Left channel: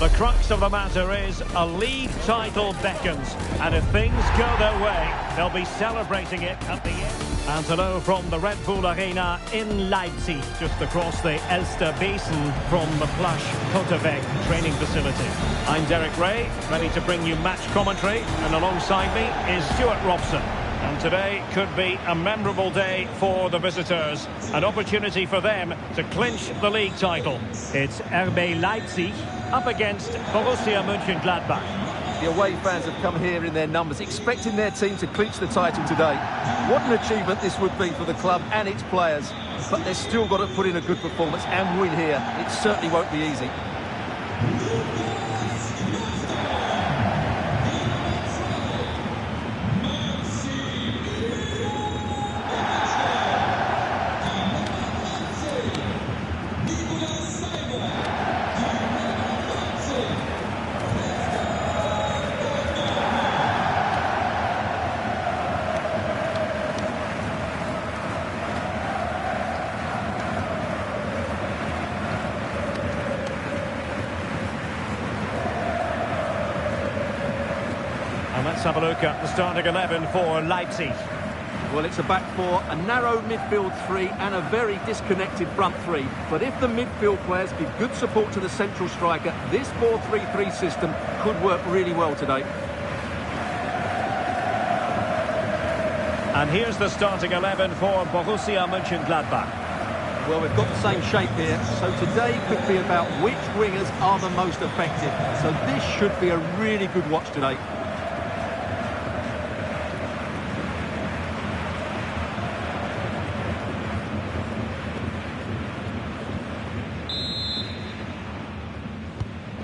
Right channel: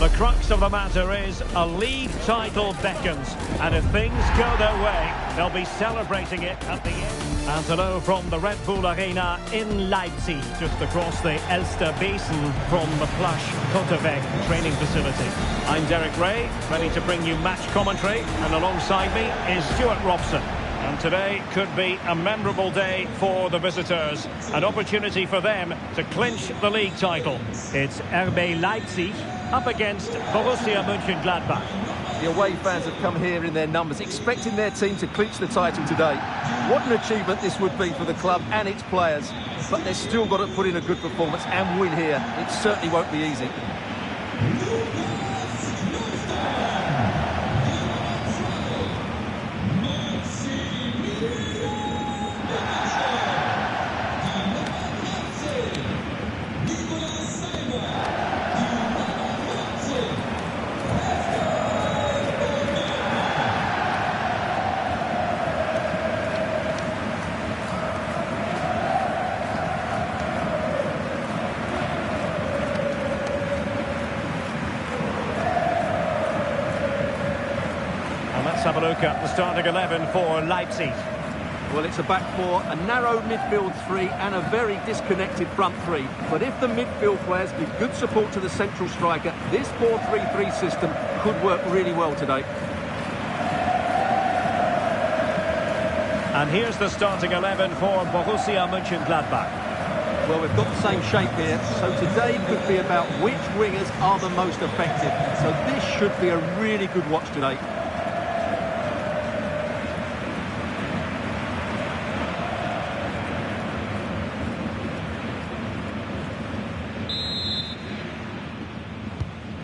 The crux of the matter is a league title beckons, and if things go their way, they'll be celebrating it at the end. And hello from the Red Bull Arena in Leipzig, just across the Elster Basin from the plush Kotterweg training facility. I'm Derek Ray, ready to bring you match commentary, and alongside me is Stuart Robson. And today could be a memorable day for the visitors. An opportunity for them to clinch the league title. It's RB Leipzig up against Borussia Mönchengladbach. The away fans have come here in their numbers, expecting their team to clinch the title today. What an achievement this would be for the club and its players. But they've still got to put in a good performance and win here. It certainly won't be easy. And let's have a look at the starting 11 for Leipzig. Well, it's a back four, a narrow midfield three and a very disconnected front three. But if the midfield players give good support to the central striker, this 4-3-3 system could work really well today. And here's the starting 11 for Borussia Mönchengladbach. Well, we've got the same shape here, so today could be about which wingers are the most effective. So this should be a really good watch today.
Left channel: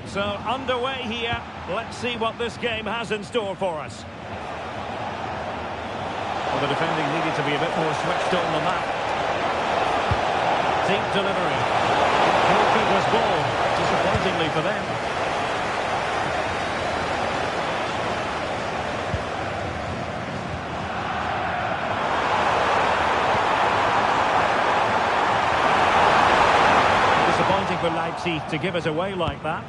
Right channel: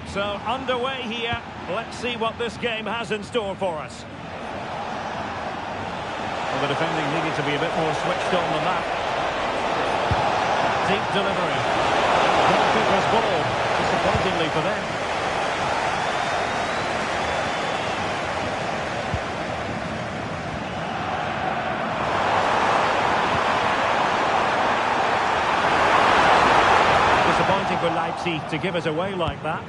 So underway here. Let's see what this game has in store for us. Well, the defending needed to be a bit more switched on than that. Deep delivery. Goalkeeper's ball. Disappointingly for them. Disappointing for Leipzig to give it away like that.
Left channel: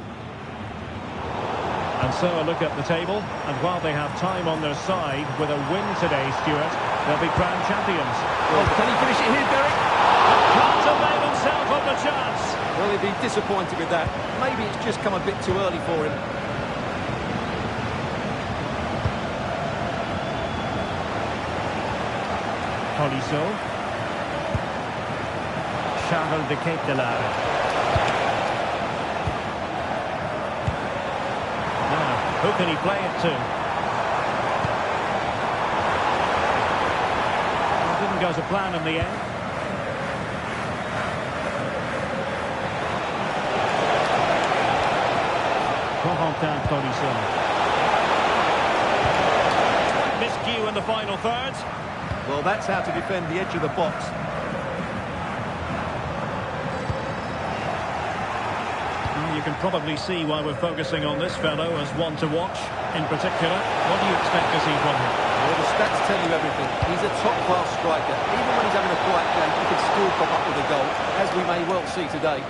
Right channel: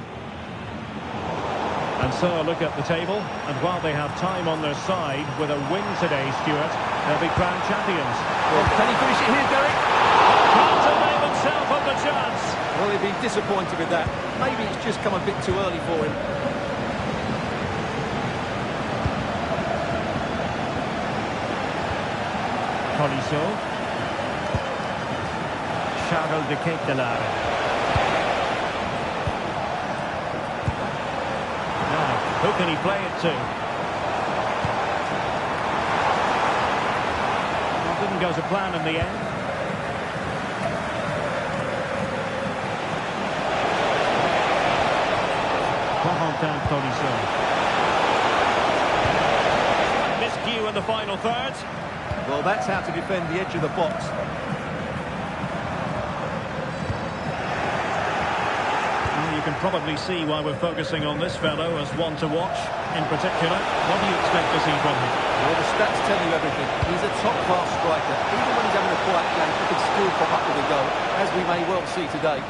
And so a look at the table, and while they have time on their side, with a win today, Stuart, they'll be crowned champions. Well, can he finish it here, Derek? But can't avail himself of the chance. Well, he'd be disappointed with that. Maybe it's just come a bit too early for him. Tolisso. Charles de Ketelaere. Who can he play it to? Well, didn't go to plan in the end. Corentin Tolisso. Miscue in the final third. Well, that's how to defend the edge of the box. You can probably see why we're focusing on this fellow as one to watch. In particular, what do you expect to see from him? Well, the stats tell you everything. He's a top-class striker. Even when he's having a quiet game, he can still pop up with a goal, as we may well see today.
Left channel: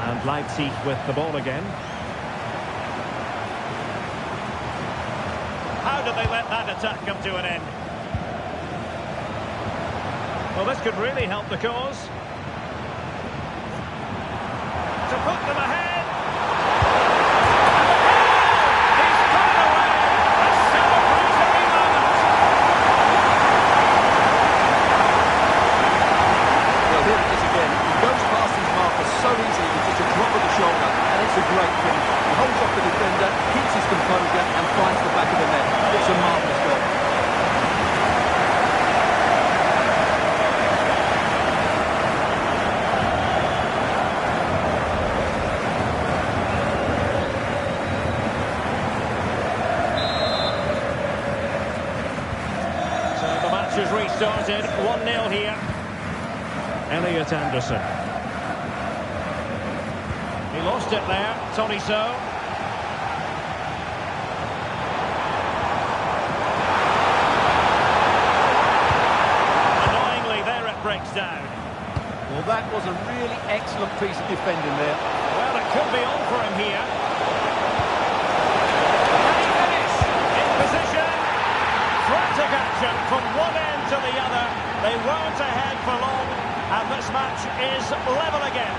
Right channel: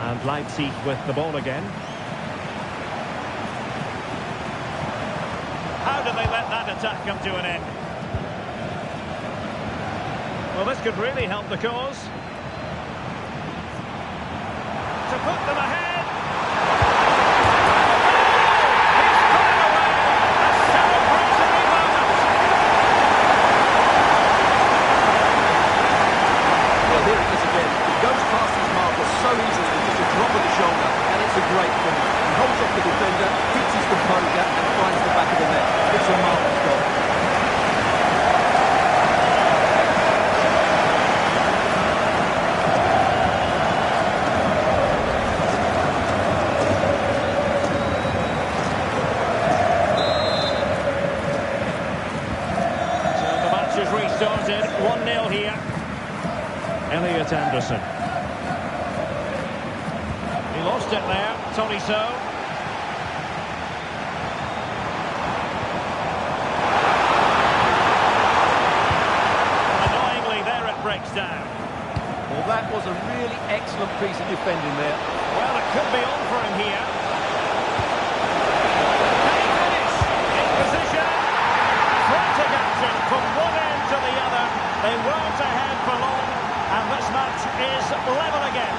And Leipzig with the ball again. How did they let that attack come to an end? Well, this could really help the cause. To put them ahead. He's got it away. A celebratory moment. Well, here it is again. He goes past his marker so easily with just a drop of the shoulder, and it's a great finish. He holds off the defender, keeps his composure, and finds the back of the net. It's a marvellous goal. So the match has restarted. 1-0 here. Elliot Anderson. He lost it there, Tolisso. Annoyingly, there it breaks down. Well, that was a really excellent piece of defending there. Well, it could be on for him here. Can he finish? In position. Frantic action from one end to the other. They weren't ahead for long, and this match is level again.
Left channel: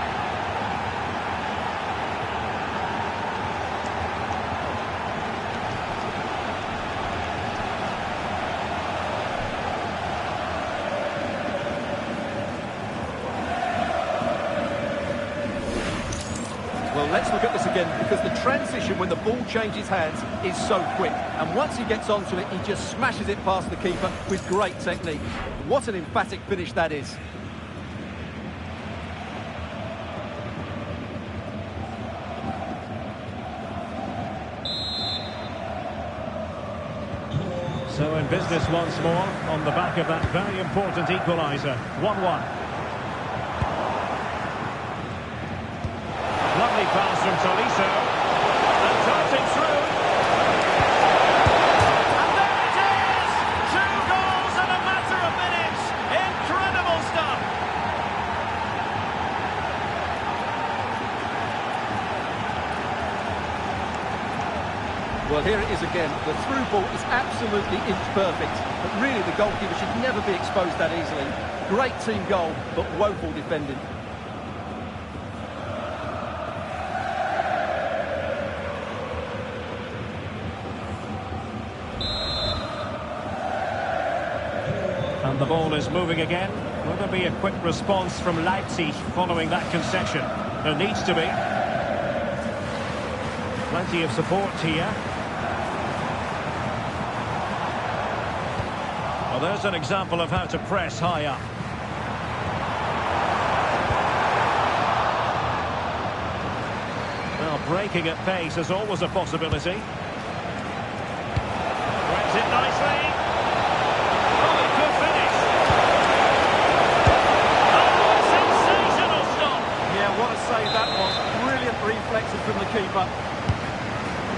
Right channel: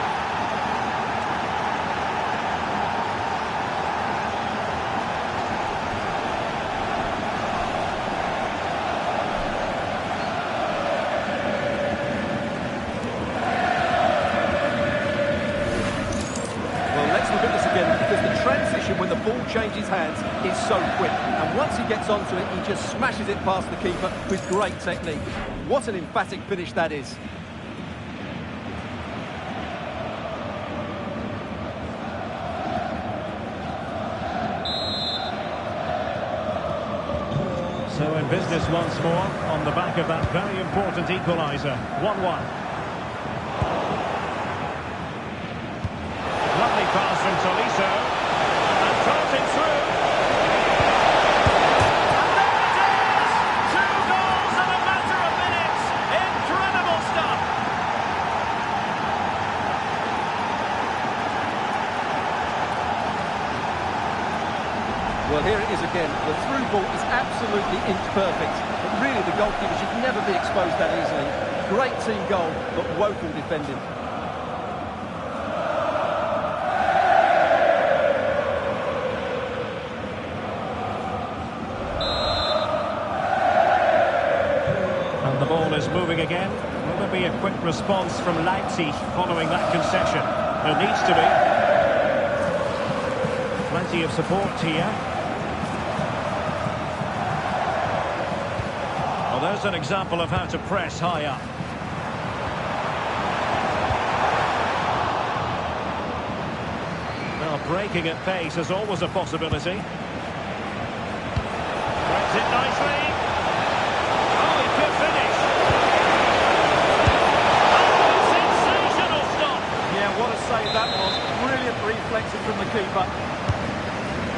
Well, let's look at this again, because the transition when the ball changes hands is so quick. And once he gets onto it, he just smashes it past the keeper with great technique. What an emphatic finish that is. So in business once more, on the back of that very important equaliser. 1-1. Lovely pass from Tolisso, and darting through. And there it is! 2 goals in a matter of minutes. Incredible stuff. Well, here it is again. The through ball is absolutely inch perfect, but really the goalkeeper should never be exposed that easily. Great team goal, but woeful defending. And the ball is moving again. Will there be a quick response from Leipzig following that concession? There needs to be. Plenty of support here. Well, there's an example of how to press high up. Well, breaking at pace is always a possibility. Threads it nicely. Oh, he could finish. Oh, a sensational stop. Yeah, what a save that was. Brilliant reflexes from the keeper.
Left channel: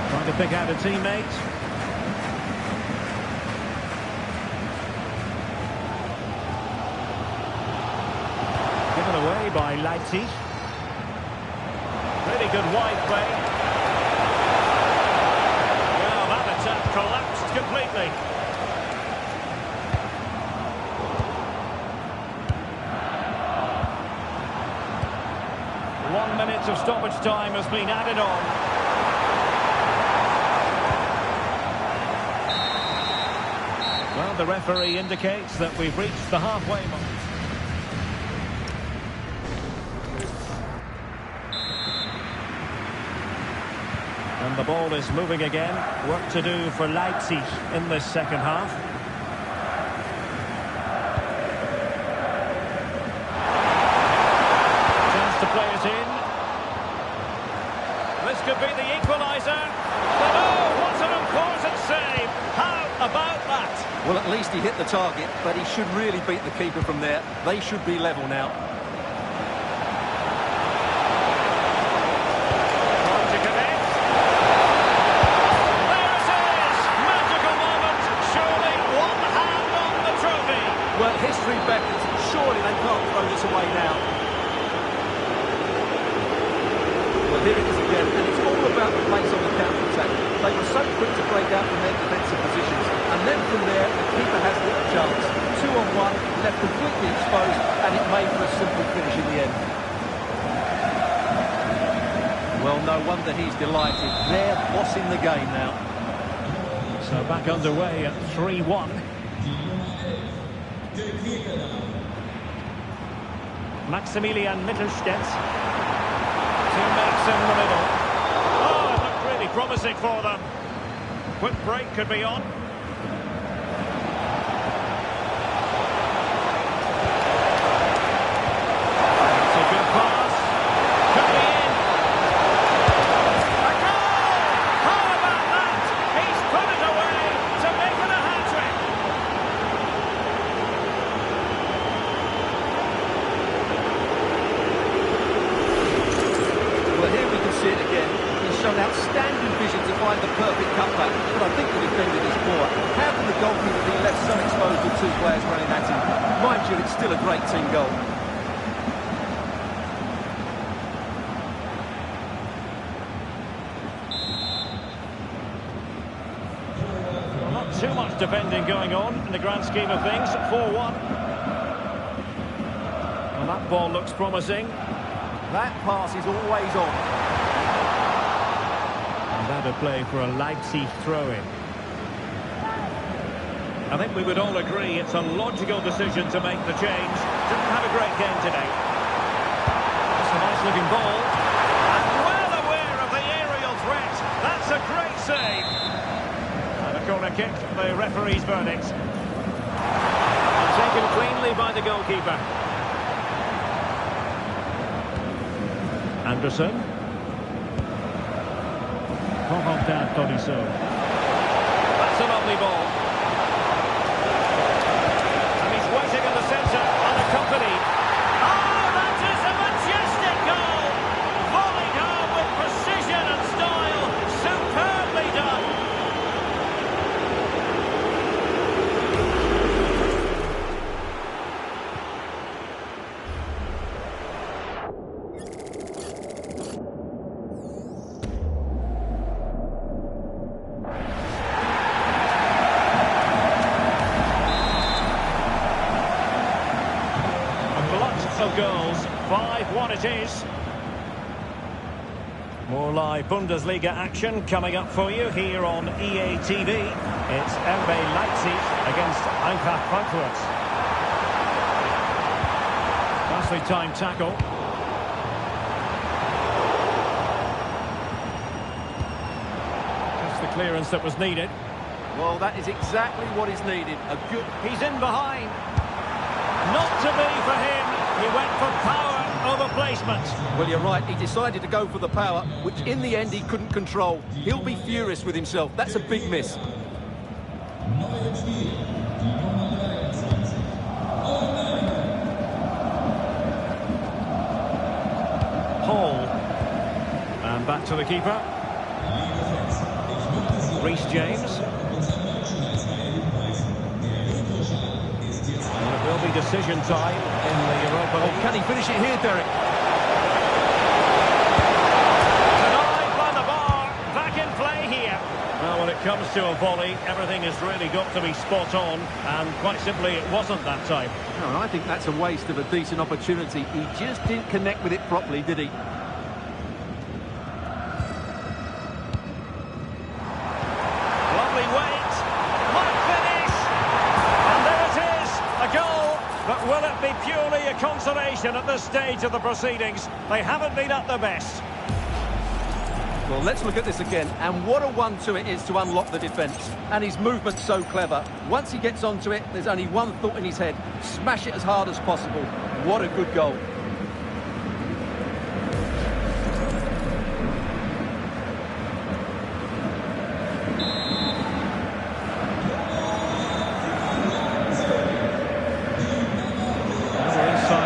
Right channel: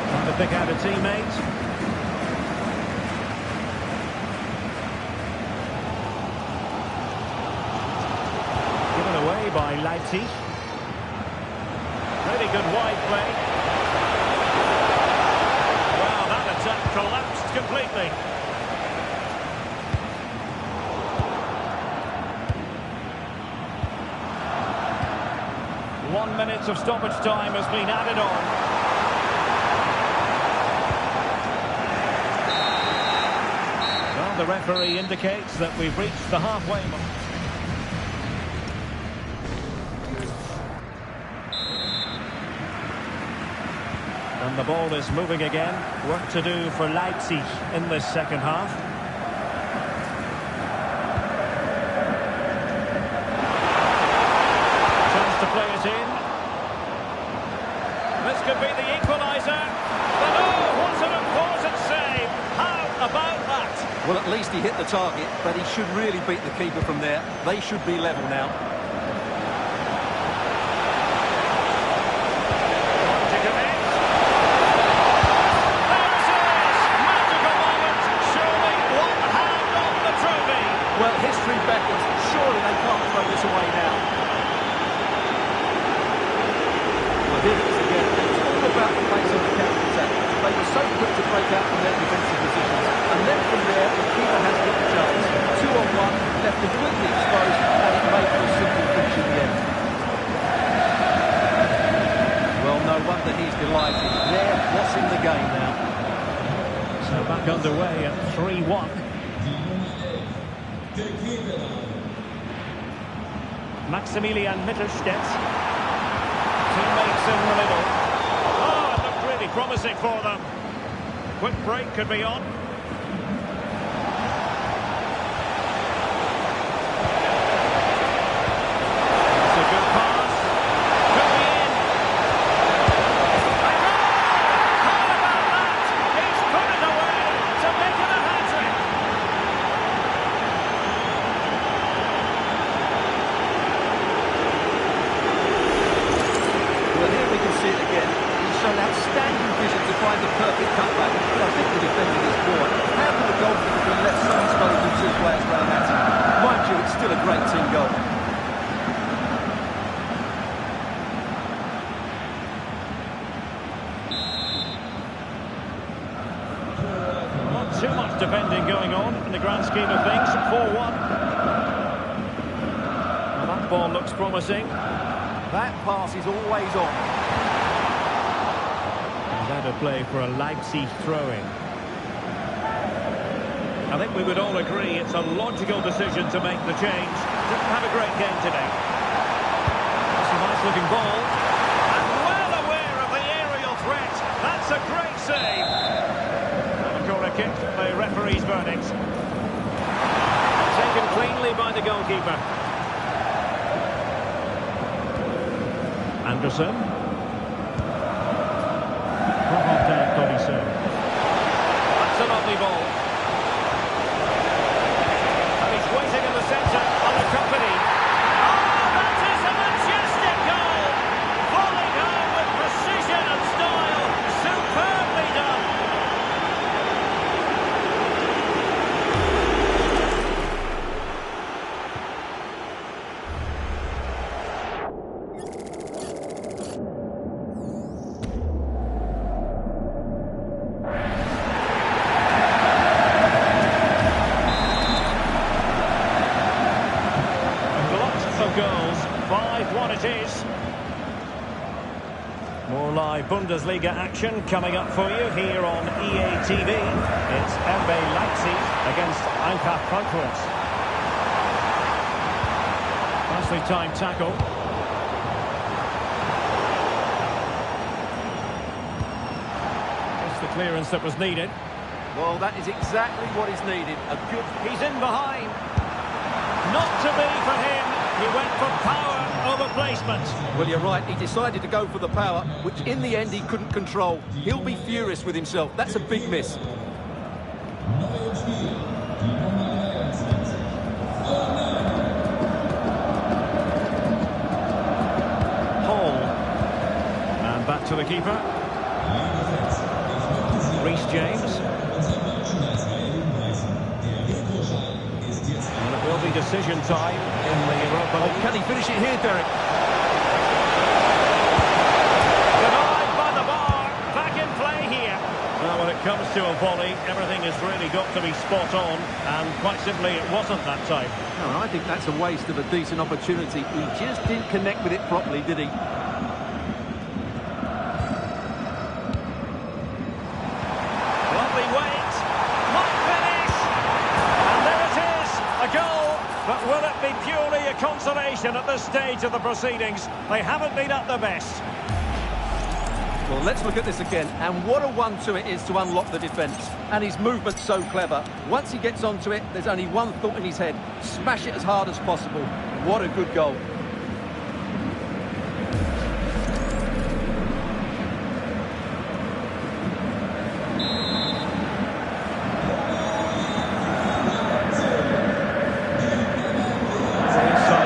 Trying to pick out a teammate. Given away by Leipzig. Really good wide play. Well, that attack collapsed completely. One minute of stoppage time has been added on. Well, the referee indicates that we've reached the halfway mark. And the ball is moving again. Work to do for Leipzig in this second half. Chance to play it in. This could be the equaliser. But oh, what an important save. How about that? Well, at least he hit the target, but he should really beat the keeper from there. They should be level now. Trying to connect. There it is! Magical moment. Surely one hand on the trophy. Well, history beckons. Surely they can't throw this away now. Well, here it is again, and it's all about the pace on the counter-attack. They were so quick to break out from their defensive positions, and then from there, the keeper has lit the chance. 2-on-1, left completely exposed, and it made for a simple finish in the end. Well, no wonder he's delighted. They're bossing the game now. So back underway at 3-1. Maximilian Mittelstädt. Teammates in the middle. Oh, it looked really promising for them. Quick break could be on. That's a good pass. Could be in. A goal! How about that? He's put it away to make it a hat-trick. Well, here we can see it again. He's shown outstanding vision to find the perfect cutback, but I think the defender is poor. How can the goalkeeper be left so exposed with two players running at him? Mind you, it's still a great team goal. Not too much defending going on in the grand scheme of things. 4-1. Well, that ball looks promising. That pass is always on. And that'll play for a Leipzig throw-in. I think we would all agree it's a logical decision to make the change. Didn't have a great game today. That's a nice-looking ball. And well aware of the aerial threat. That's a great save. And a corner kick, the referee's verdict. And taken cleanly by the goalkeeper. Anderson. That's a lovely ball. And he's waiting in the centre, unaccompanied. Oh, that is a majestic goal! Volleyed home with precision and style. Superbly done. Of goals, 5-1 it is. More live Bundesliga action coming up for you here on EA TV. It's RB Leipzig against Eintracht Frankfurt. Nicely timed tackle. Just the clearance that was needed. Well, that is exactly what is needed. A good... He's in behind. Not to be for him. He went for power over placement. Well, you're right. He decided to go for the power, which in the end he couldn't control. He'll be furious with himself. That's a big miss. Hall. And back to the keeper. Reece James. Well, it will be decision time in the Europa League. Oh, can he finish it here, Derek? Denied by the bar. Back in play here. Well, when it comes to a volley, everything has really got to be spot on. And quite simply, it wasn't that time. No, I think that's a waste of a decent opportunity. He just didn't connect with it properly, did he? Lovely weight. Might finish. And there it is. A goal, but will it be purely a consolation at this stage of the proceedings? They haven't been at their best. Well, let's look at this again. And what a one-two it is to unlock the defence. And his movement's so clever. Once he gets onto it, there's only one thought in his head. Smash it as hard as possible. What a good goal.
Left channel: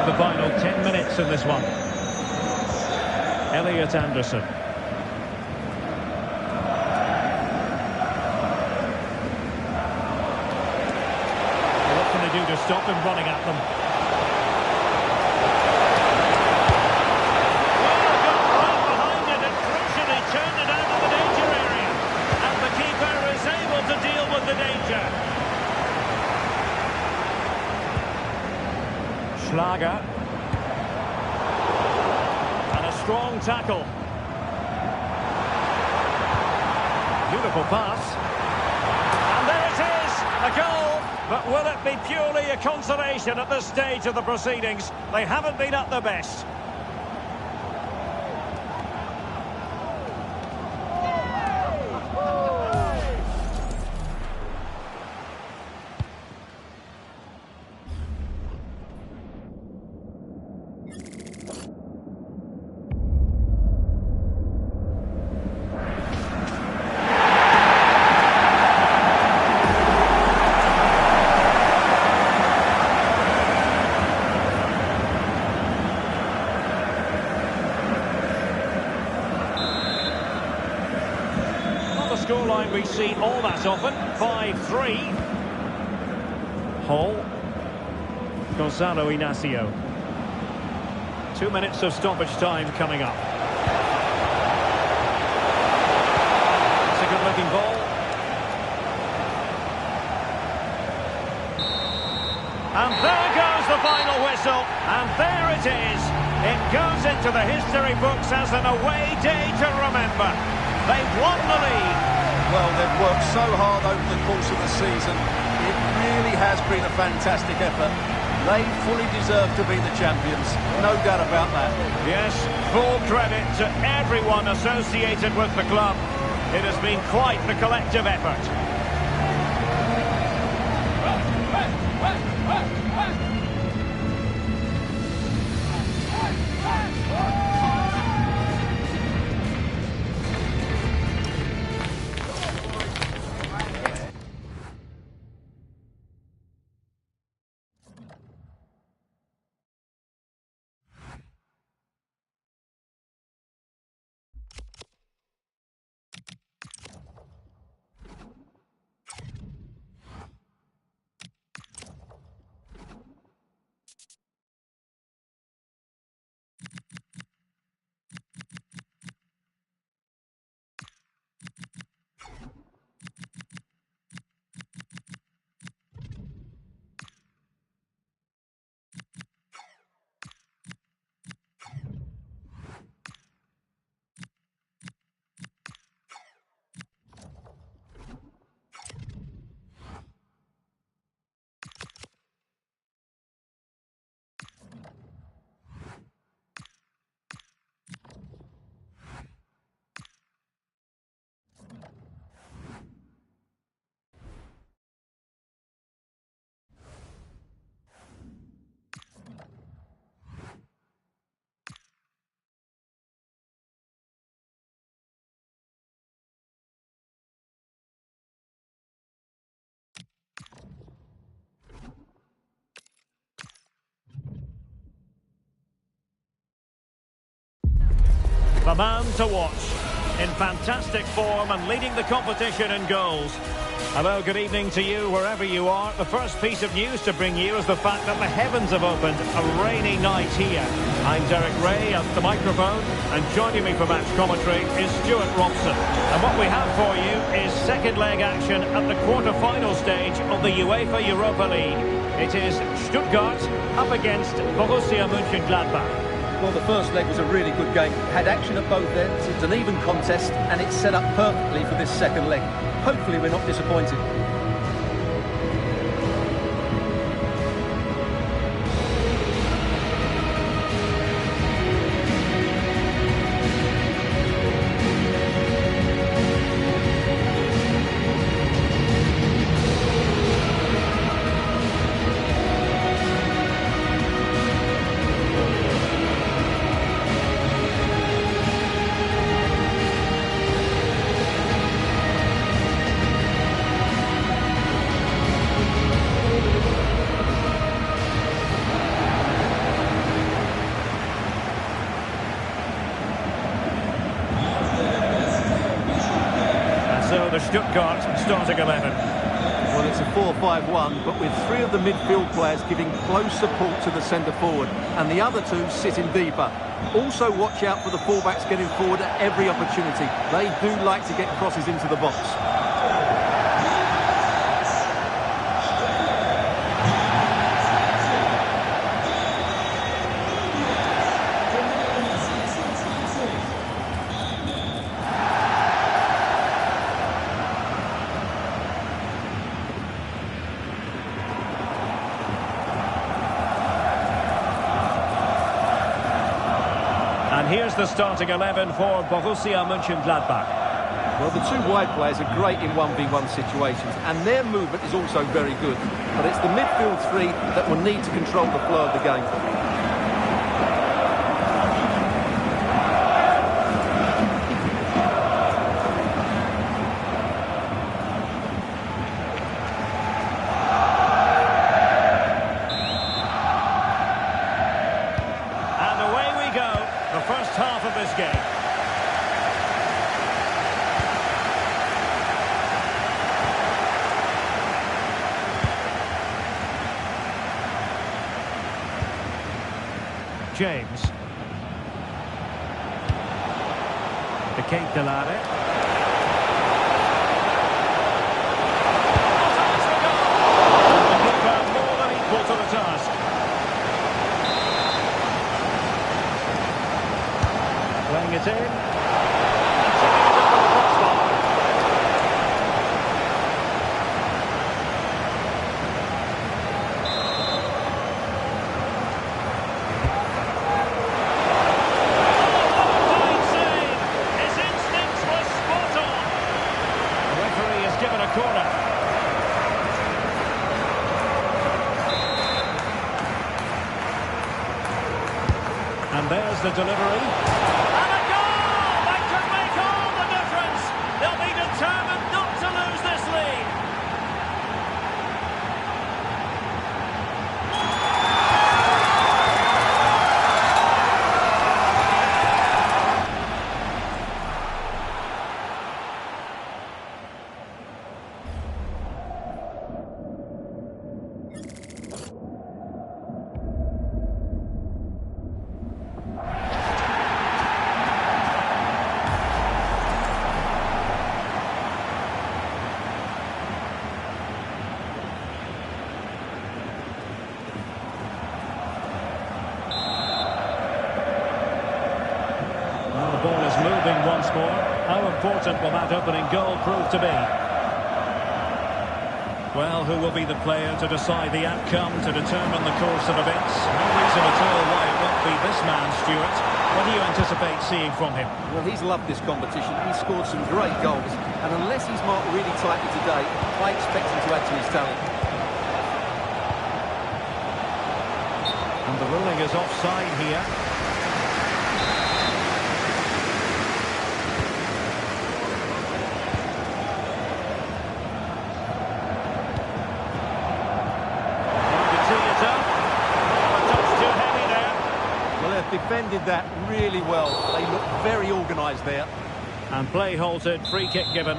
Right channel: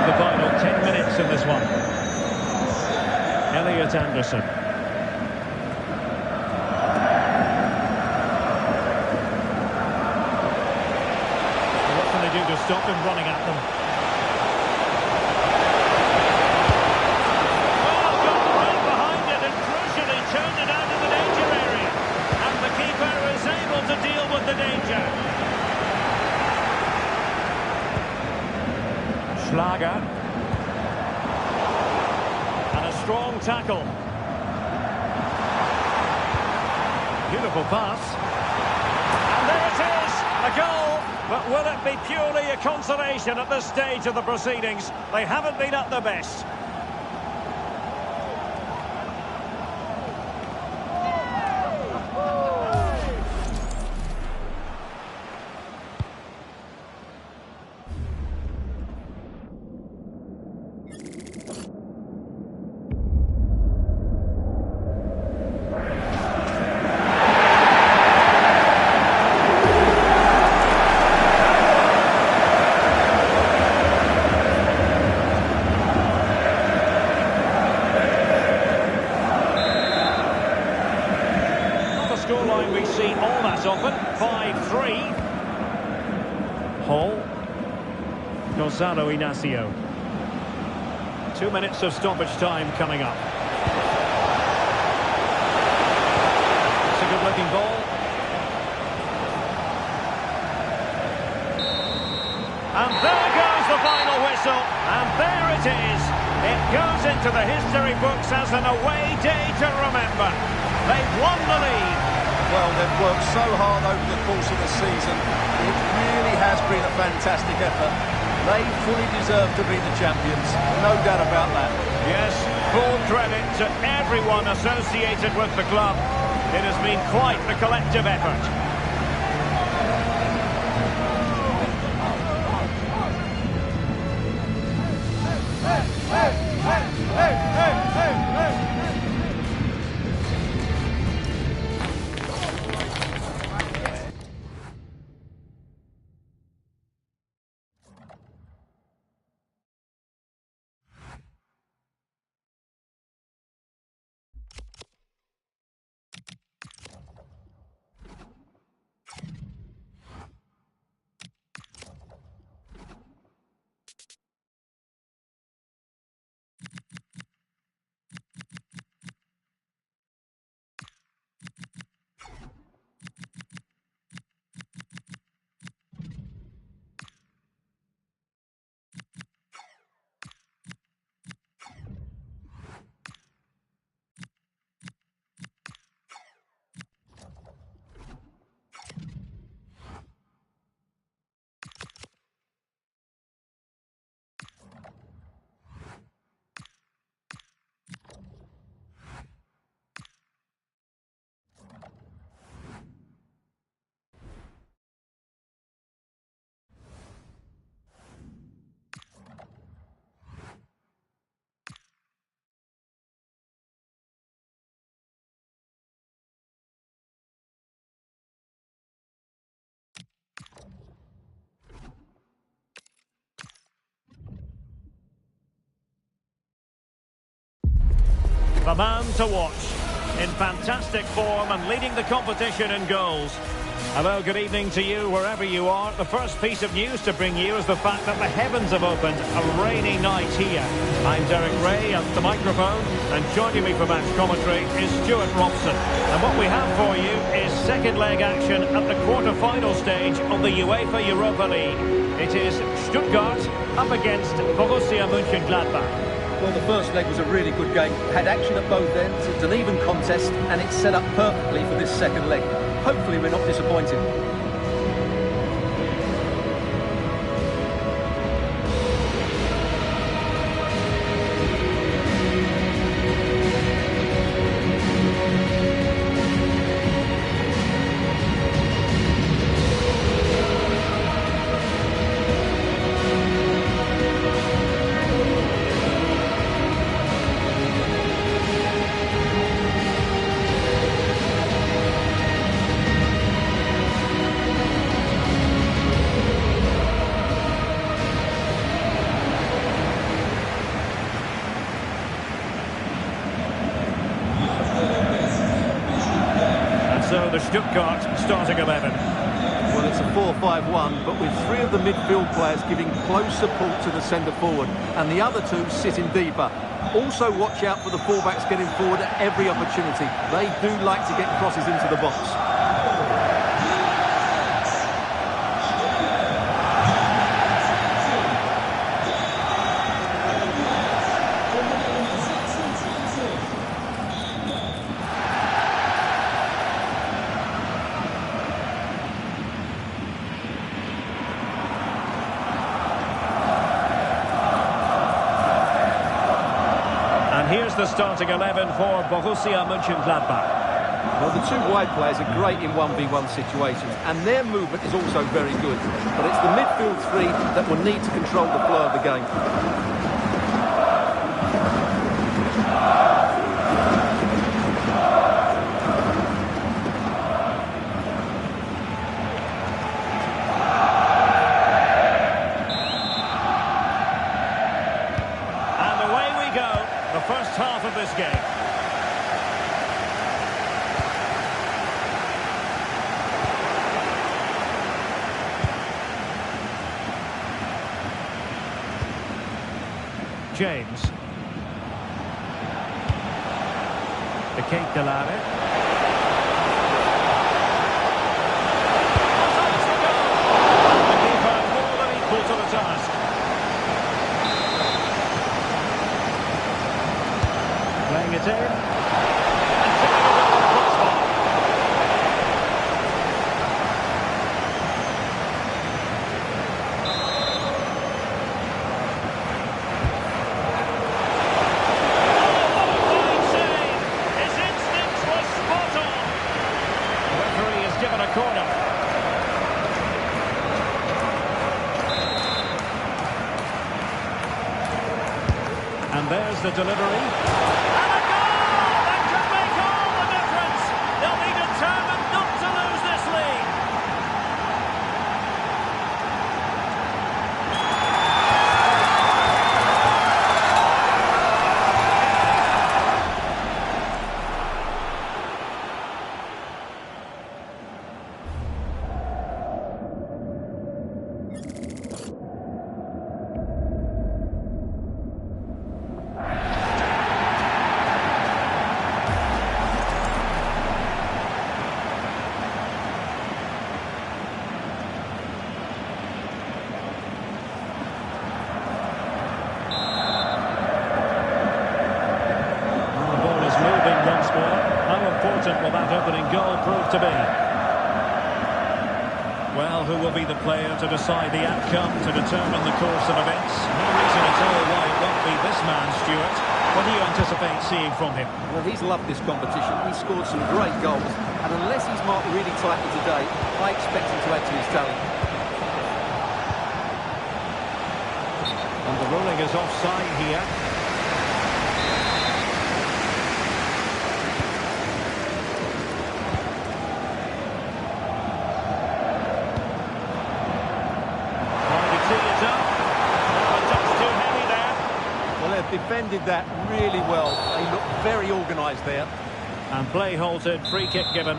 The final 10 minutes in this one. Elliot Anderson. Well, what can they do to stop him running at them? Well, got right behind it and crucially turned it out of the danger area. And the keeper is able to deal with the danger. Schlager. And a strong tackle. Beautiful pass. And there it is, a goal. But will it be purely a consolation at this stage of the proceedings? They haven't been at their best. scoreline we see all that often, 5-3. Hall. Gonzalo Inacio. 2 minutes of stoppage time coming up. It's a good-looking ball. And there goes the final whistle. And there it is. It goes into the history books as an away day to remember. They've won the league. Well, they've worked so hard over the course of the season. It really has been a fantastic effort. They fully deserve to be the champions. No doubt about that. Yes, full credit to everyone associated with the club. It has been quite the collective effort. The man to watch, in fantastic form and leading the competition in goals. Hello, good evening to you wherever you are. The first piece of news to bring you is the fact that the heavens have opened. A rainy night here. I'm Derek Ray at the microphone, and joining me for match commentary is Stuart Robson. And what we have for you is second leg action at the quarter-final stage of the UEFA Europa League. It is Stuttgart up against Borussia Mönchengladbach. Well, the first leg was a really good game. Had action at both ends. It's an even contest, and it's set up perfectly for this second leg. Hopefully we're not disappointed. So the Stuttgart starting 11. Well, it's a 4-5-1, but with three of the midfield players giving close support to the centre forward, and the other two sitting deeper. Also watch out for the fullbacks getting forward at every opportunity. They do like to get crosses into the box. And here's the starting 11 for Borussia Mönchengladbach. Well, the two wide players are great in 1v1 situations, and their movement is also very good. But it's the midfield three that will need to control the flow of the game. And away we go, the first half of this game. James. echipa+. Offsides the goal! And the keeper more than equal to the task. Playing it in. And tipping it over the crossbar. Given a corner. And there's the delivery. And a goal! That could make all the difference. They'll be determined not to lose this lead. Moving once more. How important will that opening goal prove to be? Well, who will be the player to decide the outcome, to determine the course of events? No reason at all why it won't be this man, Stuart. What do you anticipate seeing from him? Well, he's loved this competition. He's scored some great goals. And unless he's marked really tightly today, I expect him to add to his talent. And the ruling is offside here. Defended that really well. They look very organised there. And play halted, free kick given.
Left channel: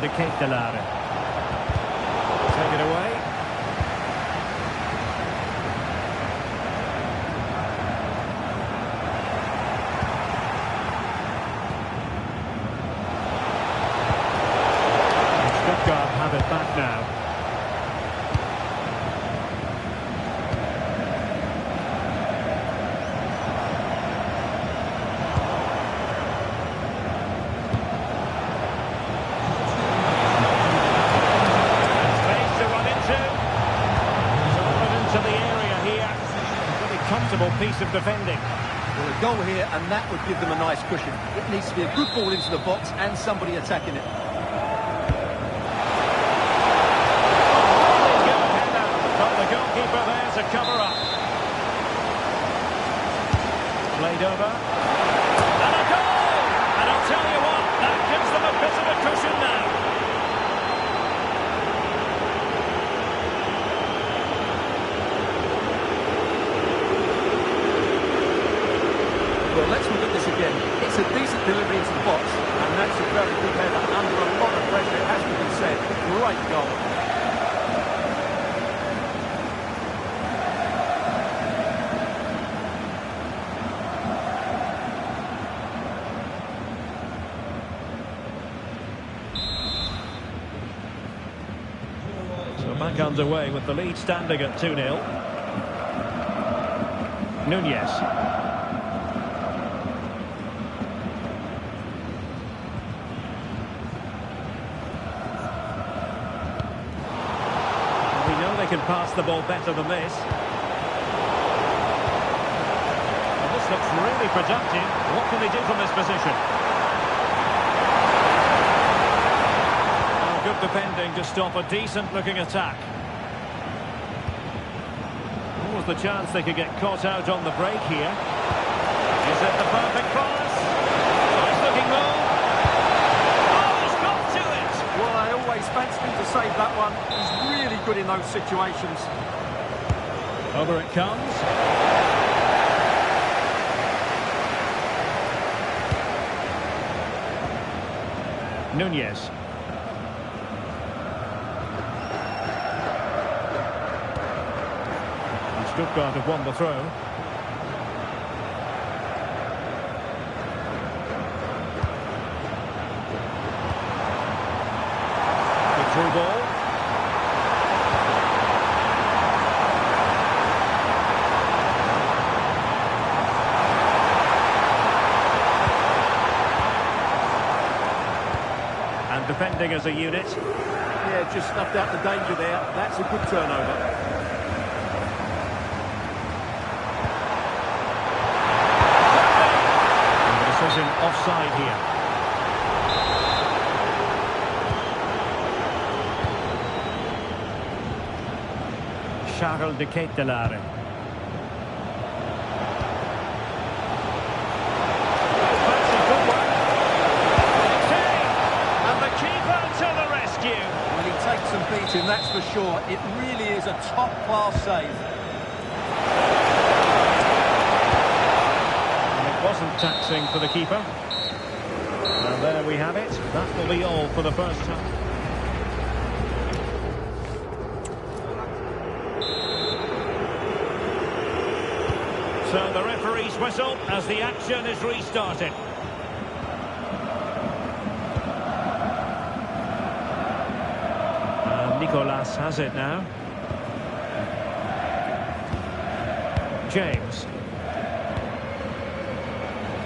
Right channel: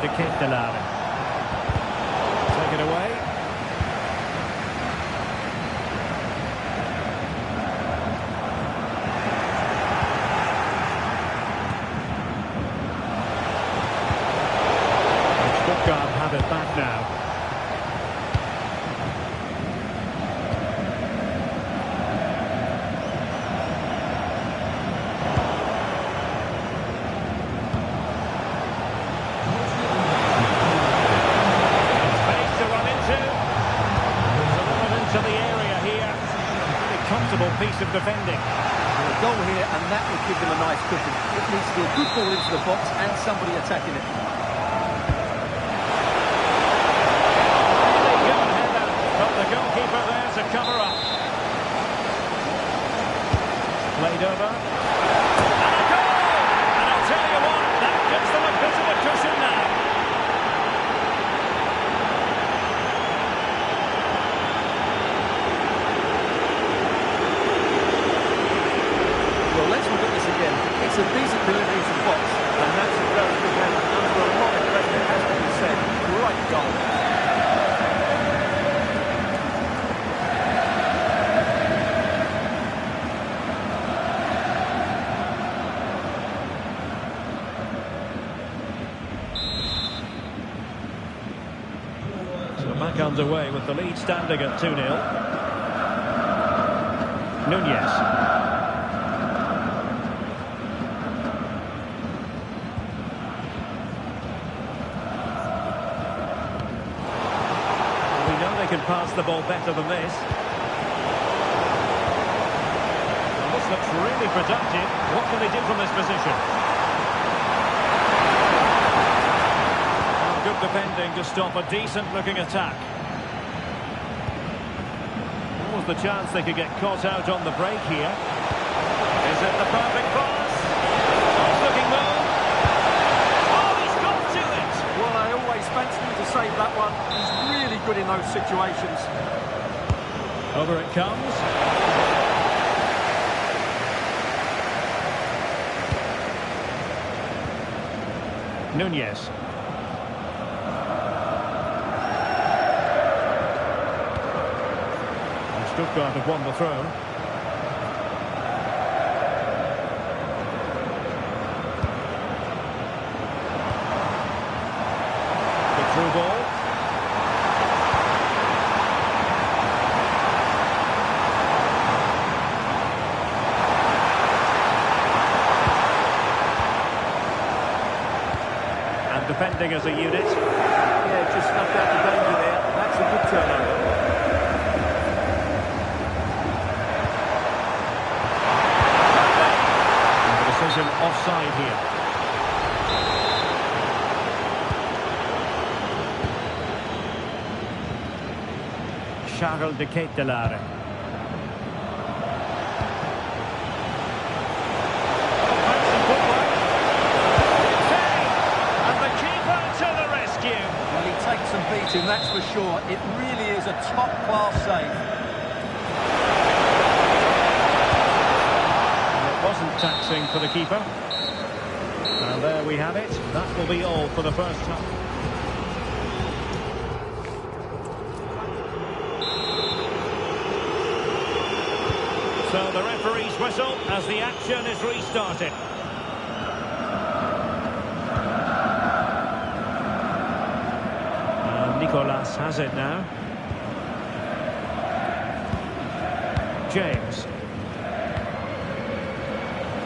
echipa+. Take it away. Stuttgart have it back now. To the area here. Pretty comfortable piece of defending. Well, a goal here, and that would give them a nice cushion. It needs to be a good ball into the box and somebody attacking it. Really good header, but the goalkeeper there to cover up. Played over. And a goal! And I'll tell you what, that gives them a bit of a cushion now. Well, let's look at this again. It's a decent delivery into the box, and that's a very good header under a lot of pressure, it has to be said. Great goal. So back underway with the lead standing at 2-0. Nunez. We know they can pass the ball better than this. Well, this looks really productive. What can they do from this position? Oh, good defending to stop a decent-looking attack. What was the chance they could get caught out on the break here? Is it the perfect pass? Nice-looking move. Well, I always fancy him to save that one. He's really good in those situations. Over it comes. Nunez. Stuttgart have won the throw. Good through ball. And defending as a unit. Yeah, just snuffed out the danger there. That's a good turnover. And the decision offside here. Charles de Ketelaere. Oh, fancy footwork. And the keeper to the rescue. Well, he takes some beating, that's for sure. It really is a top-class save. And it wasn't taxing for the keeper. And there we have it. That will be all for the first half. So the referee's whistle as the action is restarted. Nicolas has it now. James.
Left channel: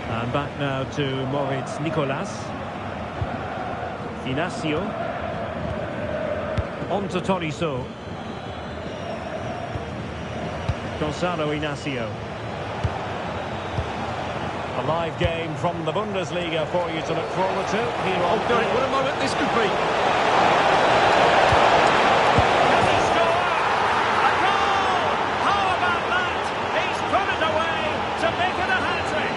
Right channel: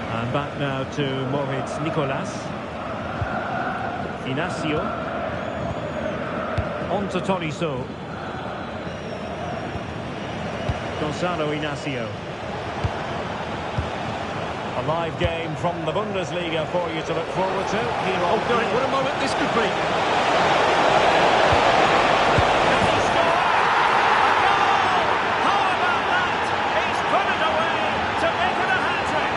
And back now to Moritz Nicolas. Inacio. On to Tolisso. Gonzalo Inacio. A live game from the Bundesliga for you to look forward to. Here on What a moment this could be. Can he score? A goal! How about that? He's put it away to make it a hat-trick.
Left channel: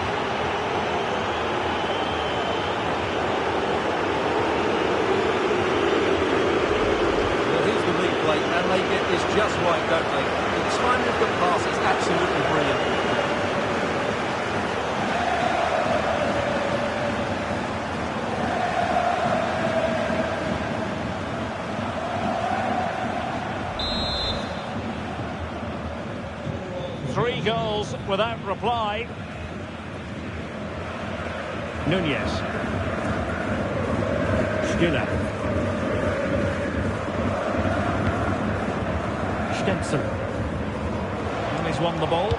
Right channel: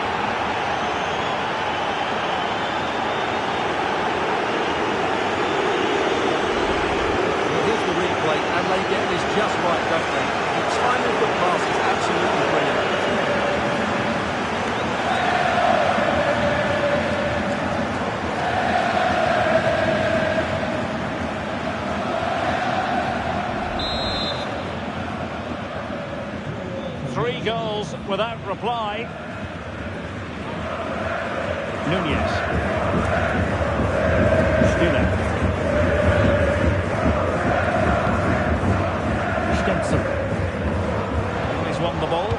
Well, here's the replay, and they get this just right, don't they? The timing of the pass is absolutely brilliant. Three goals without reply. Nunez. Stiller. Stenzel. Well, he's won the ball.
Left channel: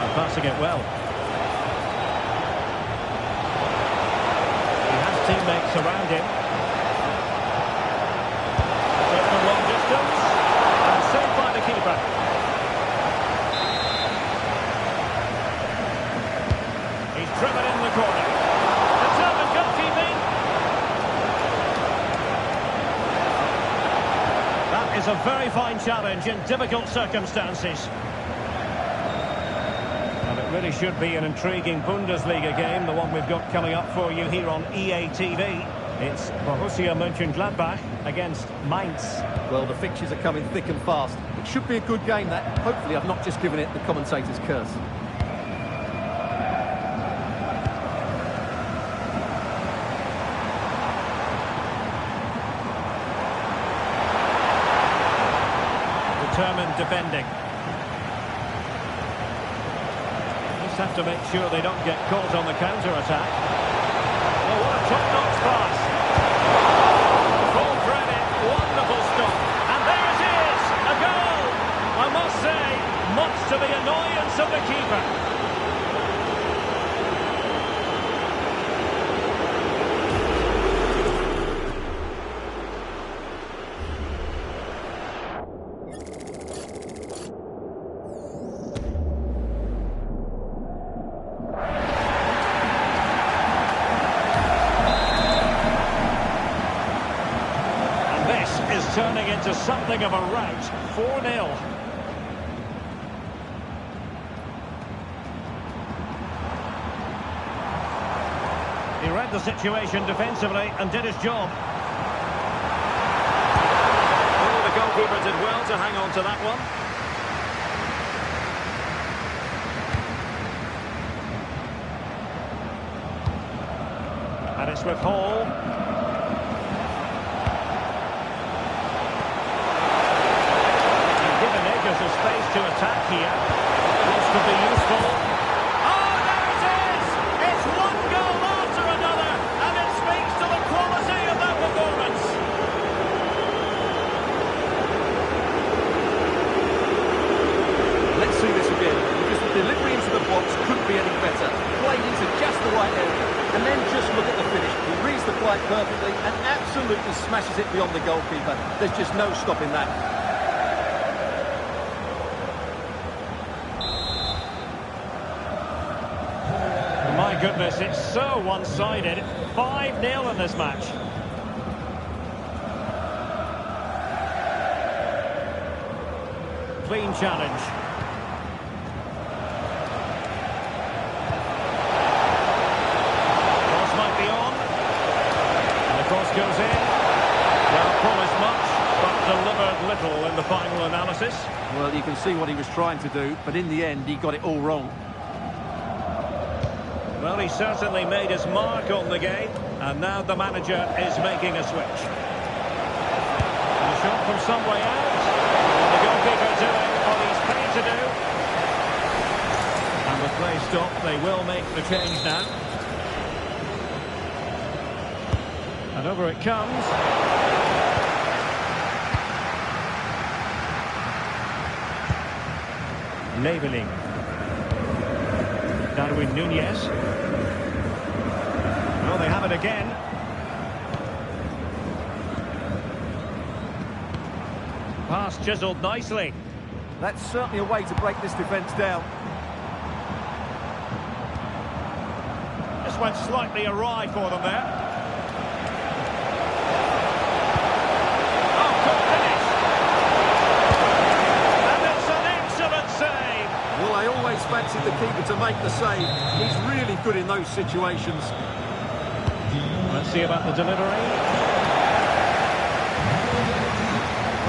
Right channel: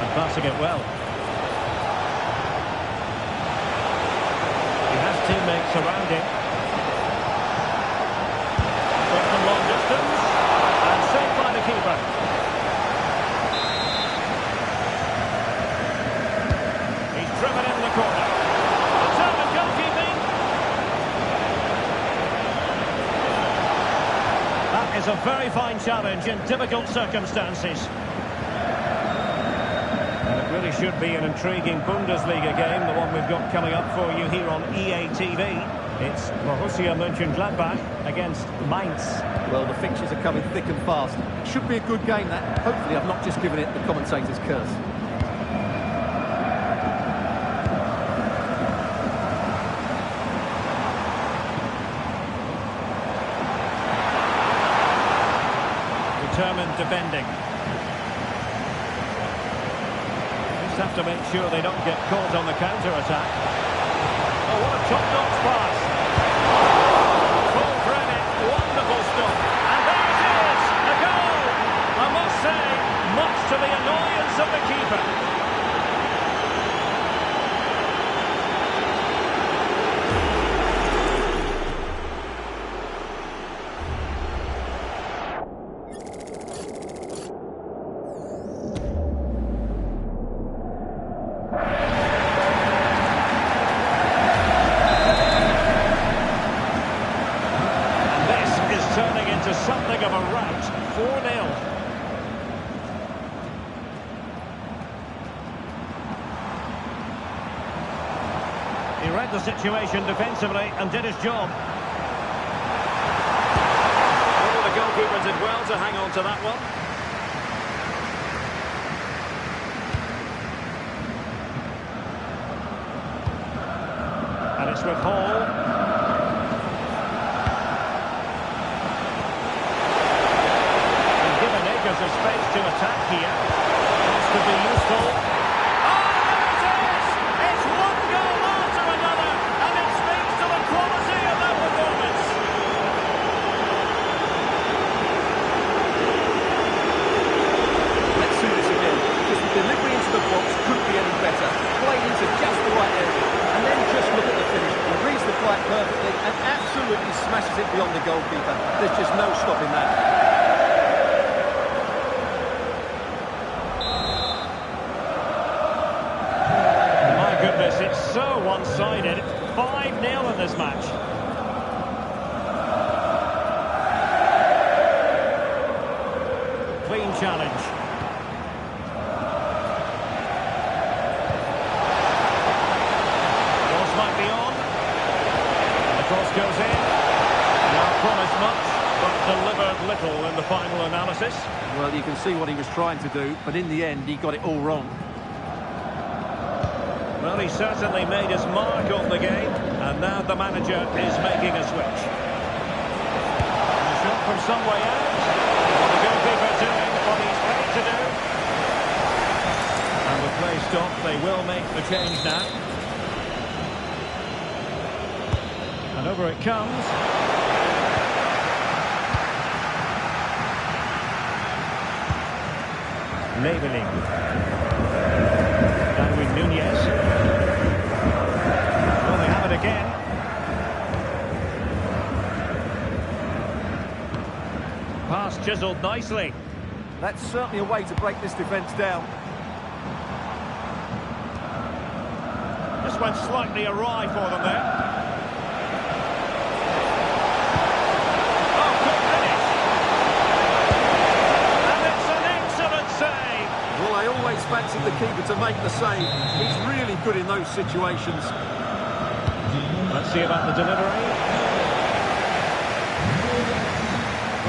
And passing it well. He has teammates around him. But from long distance. And saved by the keeper. He's driven in the corner. Determined goalkeeping. That is a very fine challenge in difficult circumstances. And it really should be an intriguing Bundesliga game, the one we've got coming up for you here on EA TV. It's Borussia Mönchengladbach against Mainz. Well, the fixtures are coming thick and fast. It should be a good game, that. Hopefully I've not just given it the commentator's curse. Determined defending. Just have to make sure they don't get caught on the counter-attack. Oh, what a top-notch pass. Full credit, wonderful stop. And there it is, a goal. I must say, much to the annoyance of the keeper. Is turning into something of a rout. 4-0. He read the situation defensively and did his job. Oh, the goalkeeper did well to hang on to that one. And it's with Hall. attackers a space to attack here. This could be useful. Oh, there it is! It's one goal after another, and it speaks to the quality of their performance. Let's see this again, because the delivery into the box couldn't be any better. Played into just the right area. And then just look at the finish. He reads the flight perfectly and absolutely smashes it beyond the goalkeeper. There's just no stopping that. My goodness, it's so one-sided. 5-0 in this match. Clean challenge. Might be on, and the cross goes in. Well, promised much, but delivered little in the final analysis. Well, you can see what he was trying to do, but in the end, he got it all wrong. Well, he certainly made his mark on the game, and now the manager is making a switch. And a shot from some way out. Well, the goalkeeper doing what he's paid to do. And with play stopped, they will make the change now. And over it comes. Labeling. Darwin Nunez. Well, they have it again. Pass chiseled nicely. That's certainly a way to break this defence down. Just went slightly awry for them there. Well, I always fancied the keeper to make the save. He's really good in those situations. Let's see about the delivery.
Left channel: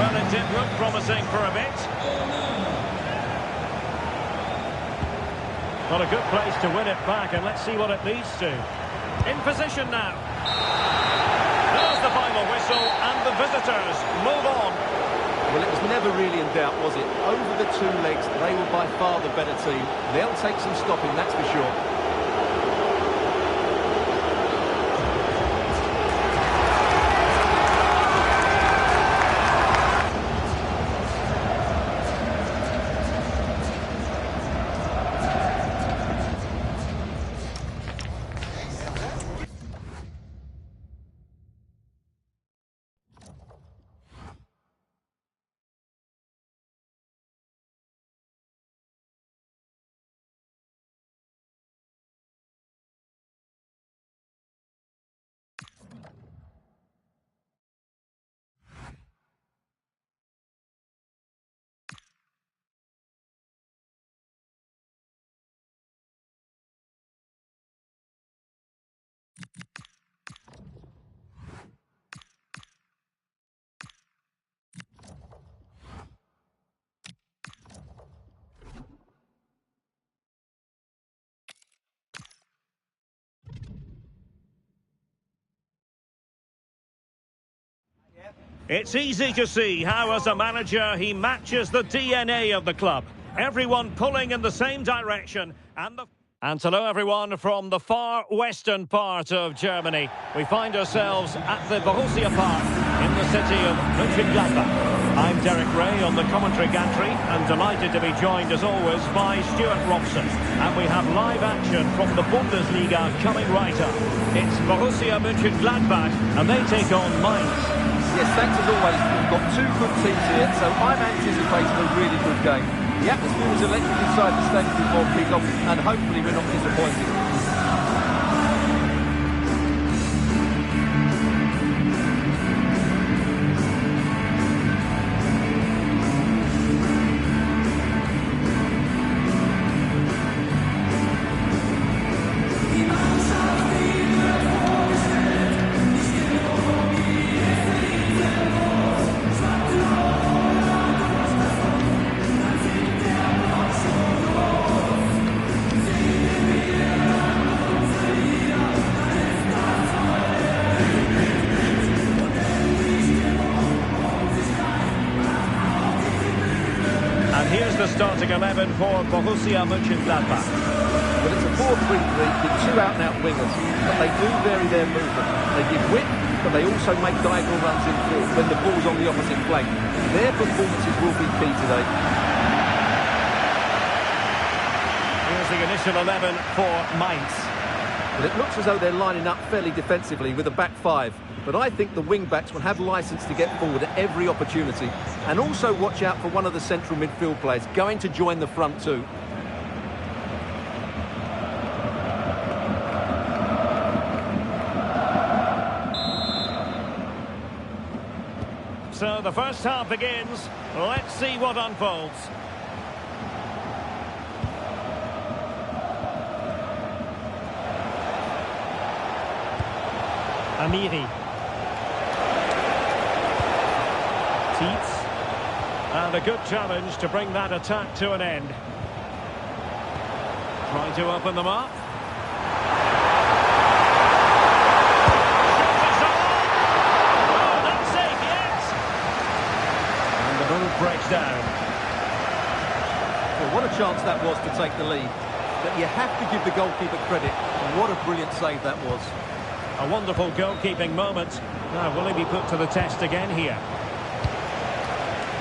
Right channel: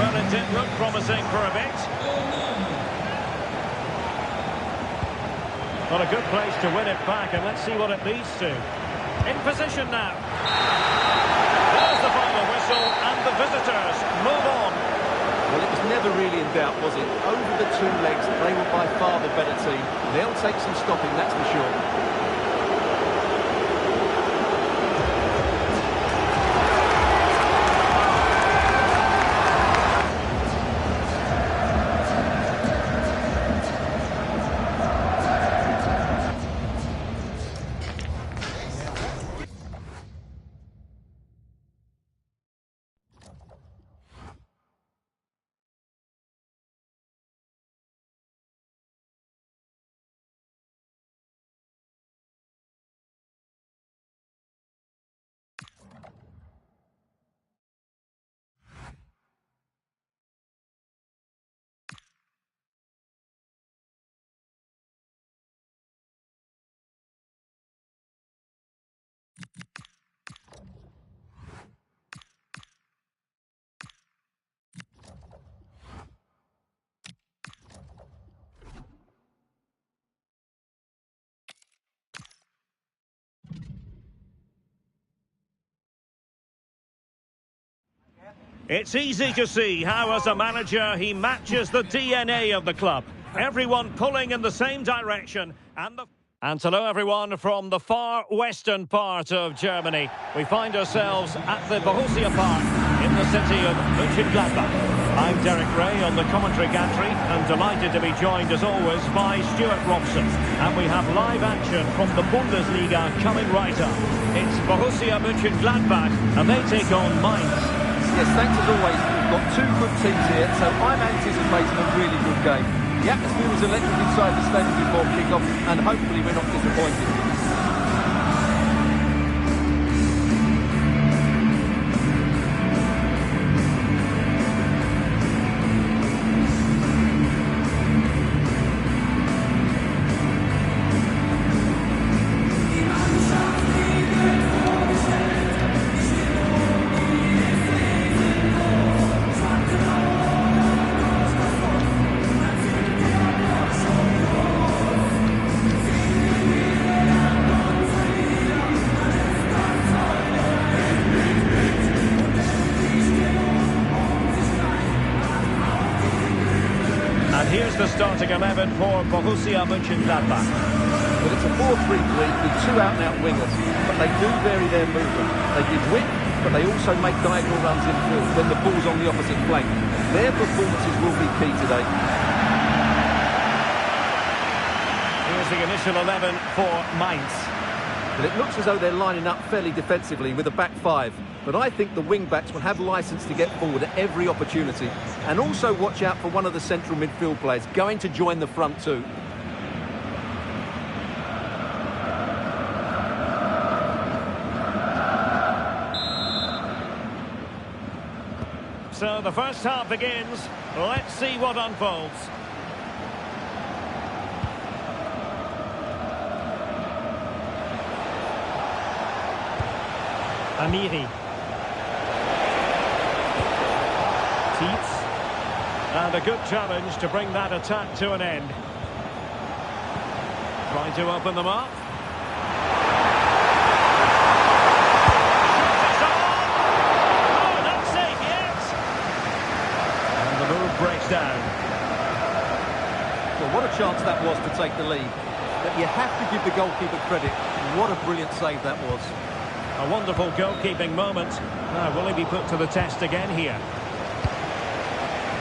Well, it did look promising for a bit. Not a good place to win it back, and let's see what it leads to. In position now. There's the final whistle, and the visitors move on. Well, it was never really in doubt, was it? Over the two legs, they were by far the better team. They'll take some stopping, that's for sure. It's easy to see how, as a manager, he matches the DNA of the club. Everyone pulling in the same direction. And hello, everyone, from the far western part of Germany. We find ourselves at the Borussia Park in the city of Mönchengladbach. I'm Derek Ray on the commentary gantry and delighted to be joined, as always, by Stuart Robson. And we have live action from the Bundesliga coming right up. It's Borussia Mönchengladbach, and they take on Mainz. Yes, thanks as always. We've got two good teams here, so I'm anticipating a really good game. The atmosphere is electric inside the stadium before kick-off, and hopefully we're not disappointed. here's the starting 11 for Borussia Mönchengladbach. Well, it's a 4-3-3 with two out-and-out wingers, but they do vary their movement. They give width, but they also make diagonal runs infield when the ball's on the opposite flank. Their performances will be key today. Here's the initial 11 for Mainz. Well, it looks as though they're lining up fairly defensively with a back five. But I think the wing-backs will have licence to get forward at every opportunity. And also watch out for one of the central midfield players going to join the front two. So the first half begins. Let's see what unfolds. Amiri. Tietz. And a good challenge to bring that attack to an end. Trying to open them up. Shot is on! Oh, not safe yet! And the move breaks down. Well, what a chance that was to take the lead. But you have to give the goalkeeper credit. What a brilliant save that was. A wonderful goalkeeping moment. Now, will he be put to the test again here?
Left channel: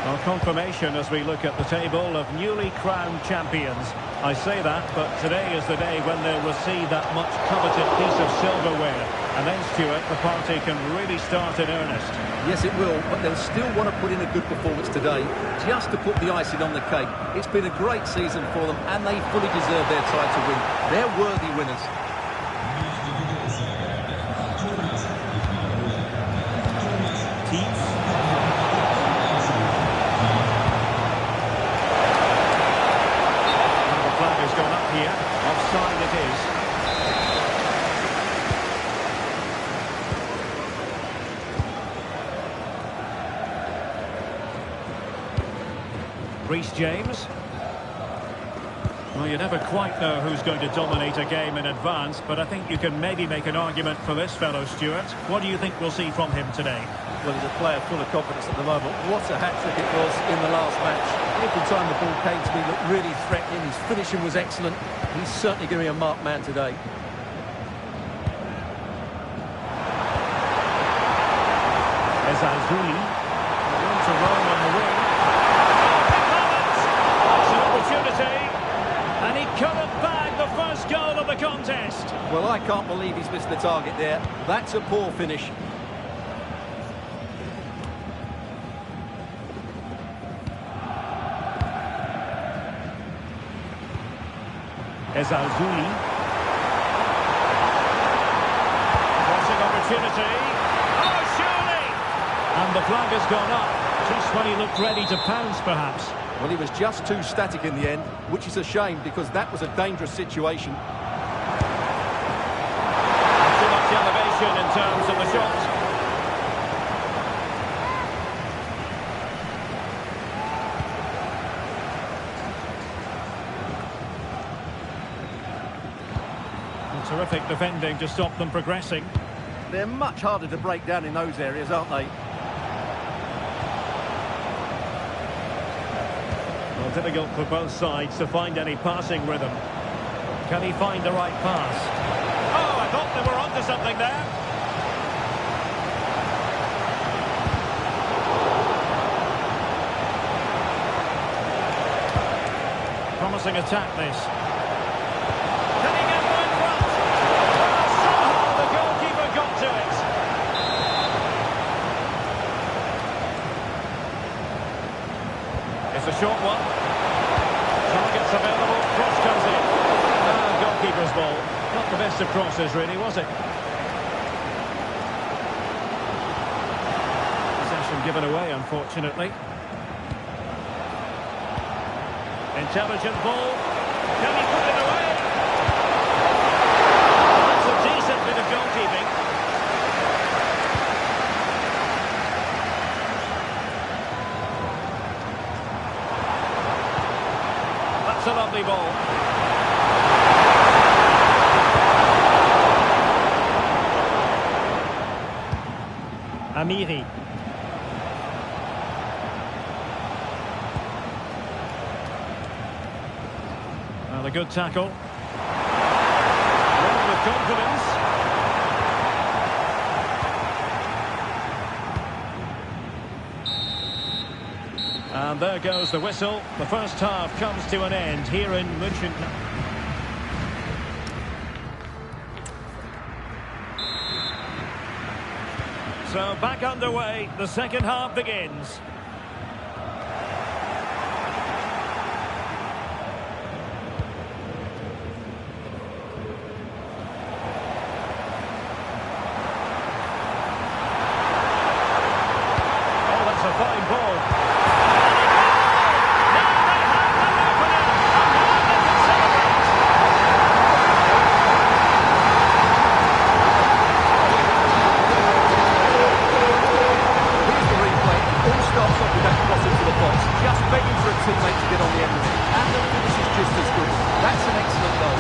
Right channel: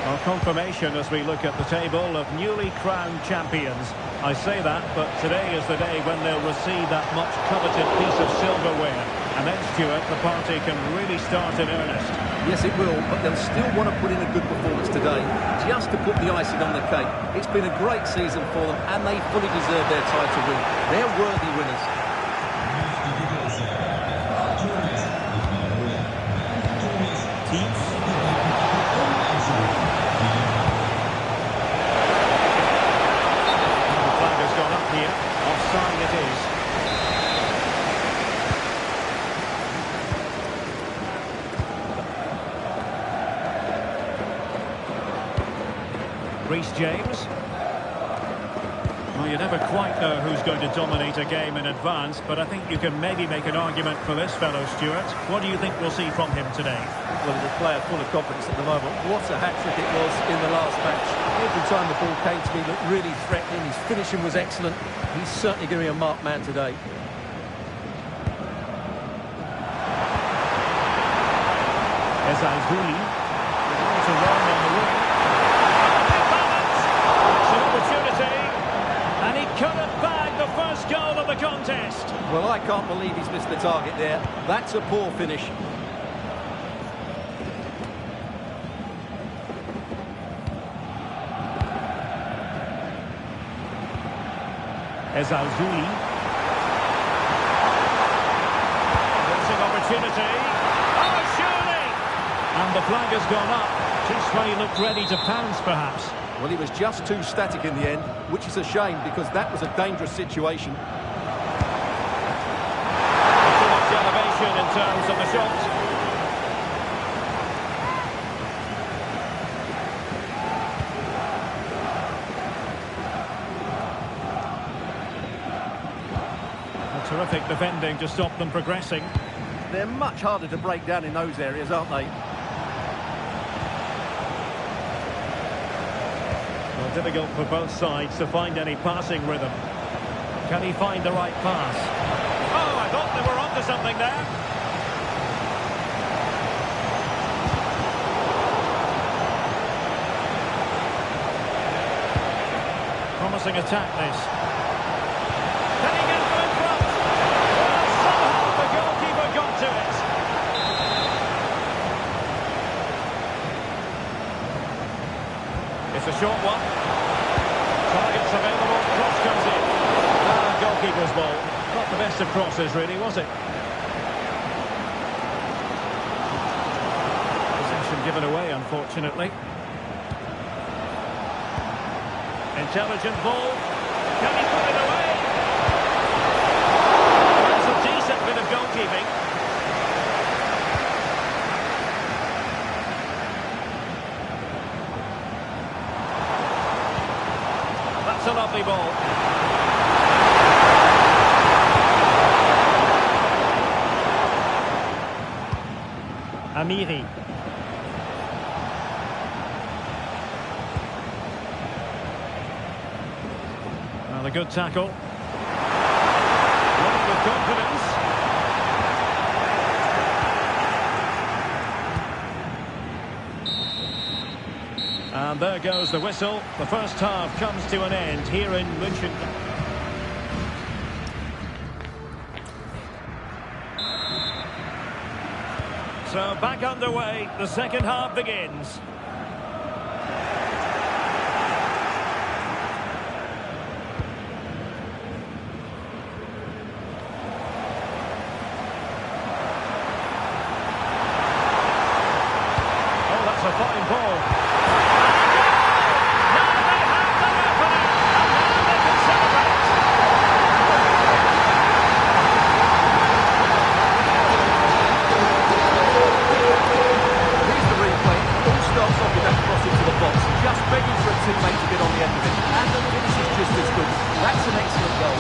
Well, confirmation as we look at the table of newly crowned champions. I say that, but today is the day when they'll receive that much coveted piece of silverware. And then, Stuart, the party can really start in earnest. Yes, it will, but they'll still want to put in a good performance today, just to put the icing on the cake. It's been a great season for them, and they fully deserve their title win. They're worthy winners. Tietz. The flag has gone up here. Offside it is. Reece James. Well, you never quite know who's going to dominate a game in advance, but I think you can maybe make an argument for this fellow, Stuart. What do you think we'll see from him today? Well, he's a player full of confidence at the moment. What a hat-trick it was in the last match. Every time the ball came to me, he looked really threatening. His finishing was excellent. He's certainly going to be a marked man today. Ezalzouli. Room to roam on the wing. Oh, big moment! It's an opportunity. And he could have bagged the first goal of the contest. Well, I can't believe he's missed the target there. That's a poor finish. Ezalzouli. Crossing opportunity. Oh, surely! And the flag has gone up. Just when he looked ready to pounce, perhaps. Well, he was just too static in the end, which is a shame because that was a dangerous situation. Too much elevation in terms of the shot. Terrific defending to stop them progressing. They're much harder to break down in those areas, aren't they? Well, difficult for both sides to find any passing rhythm. Can he find the right pass? Oh, I thought they were onto something there. Promising attack, this. Can he get them in front? Well, somehow the goalkeeper got to it. It's a short one. Targets available, cross comes in. Goalkeeper's ball. Not the best of crosses, really, was it? Possession given away, unfortunately. Intelligent ball. Can he put it away? That's a decent bit of goalkeeping. That's a lovely ball. Amiri. a good tackle. Run with confidence. And there goes the whistle. The first half comes to an end here in München. So back underway, the second half begins. Oh, that's a fine ball. Just begging for a teammate to get on the end of it. And the finish is just as good. That's an excellent goal.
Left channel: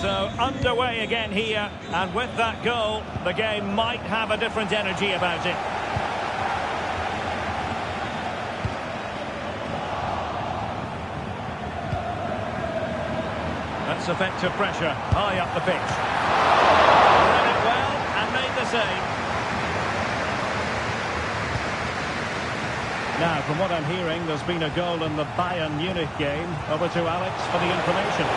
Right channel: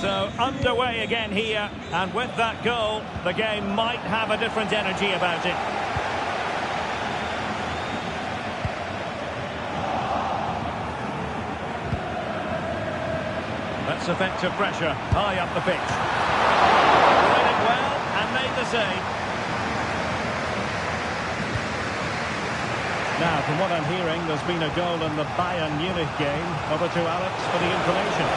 So underway again here, and with that goal, the game might have a different energy about it. That's effective pressure, high up the pitch. Read it well and made the save. Now, from what I'm hearing, there's been a goal in the Bayern Munich game. Over to Alex for the information.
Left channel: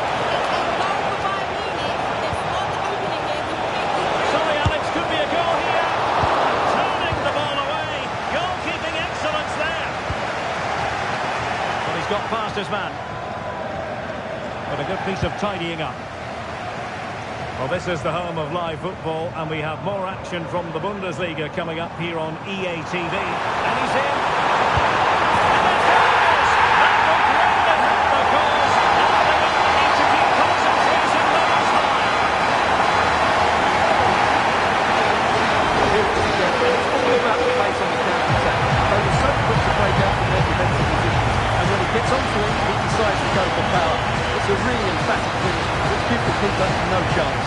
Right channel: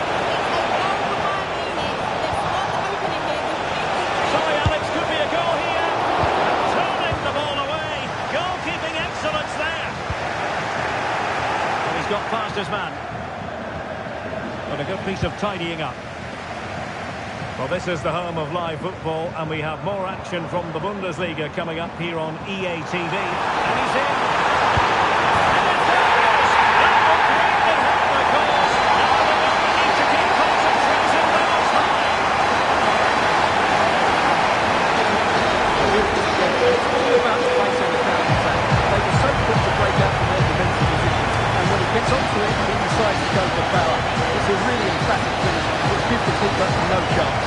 Got past his man. But a good piece of tidying up. Well, this is the home of live football, and we have more action from the Bundesliga coming up here on EA TV. And he's in. And it goes! That will greatly help the cause. Now they only need to keep concentration levels high. Well, here it is again. It's all about the pace on the counter-attack. They were so quick to break out from their defensive positions. And when he gets onto it, he decides to go for power. It's a really emphatic finish, which gives the keeper no chance.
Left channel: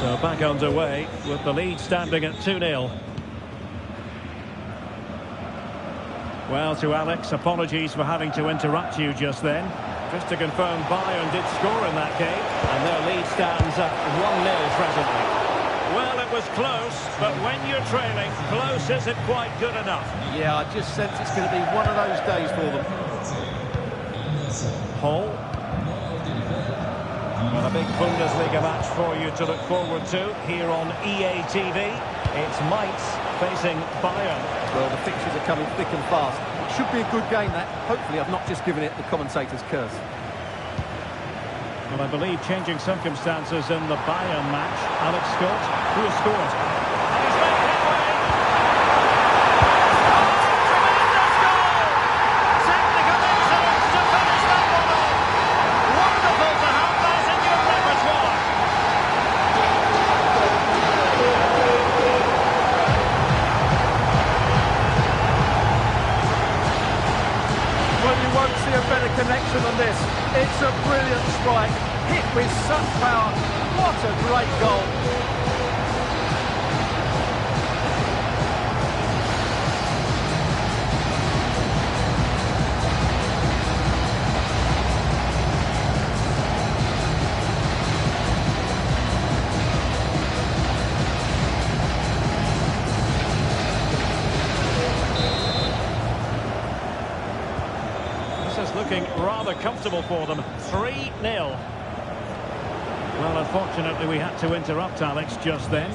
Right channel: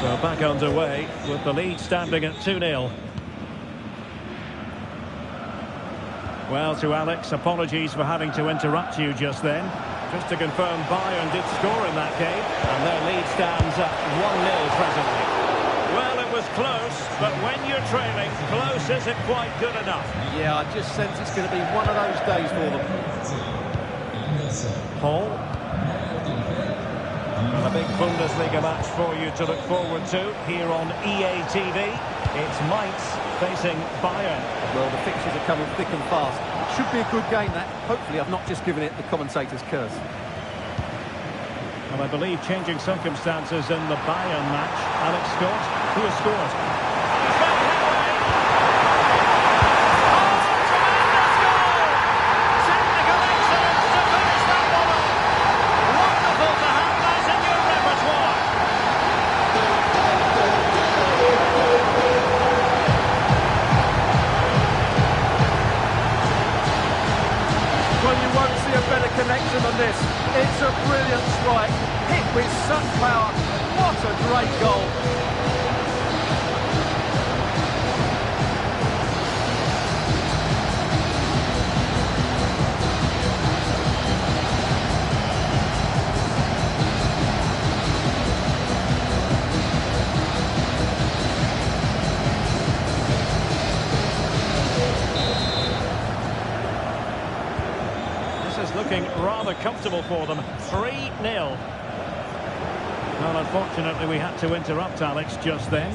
So back underway with the lead standing at 2-0. Well, to Alex, apologies for having to interrupt you just then. Just to confirm, Bayern did score in that game, and their lead stands at 1-0 presently. Well, it was close, but when you're trailing, close isn't quite good enough. Yeah, I just sense it's going to be one of those days for them. Hall. Well, a big Bundesliga match for you to look forward to here on EA TV. It's Mainz facing Bayern. Well, the fixtures are coming thick and fast. It should be a good game, that. Hopefully, I've not just given it the commentator's curse. Well, I believe changing circumstances in the Bayern match. Alex Scott, who has scored? And he's made headway. Oh, tremendous goal! Technical excellence to finish that one off. Wonderful to have that in your repertoire. Well, you won't see a better connection than this. It's a brilliant strike, hit with such power. What a great goal. Looking rather comfortable for them. 3-0. Well, unfortunately, we had to interrupt Alex just then.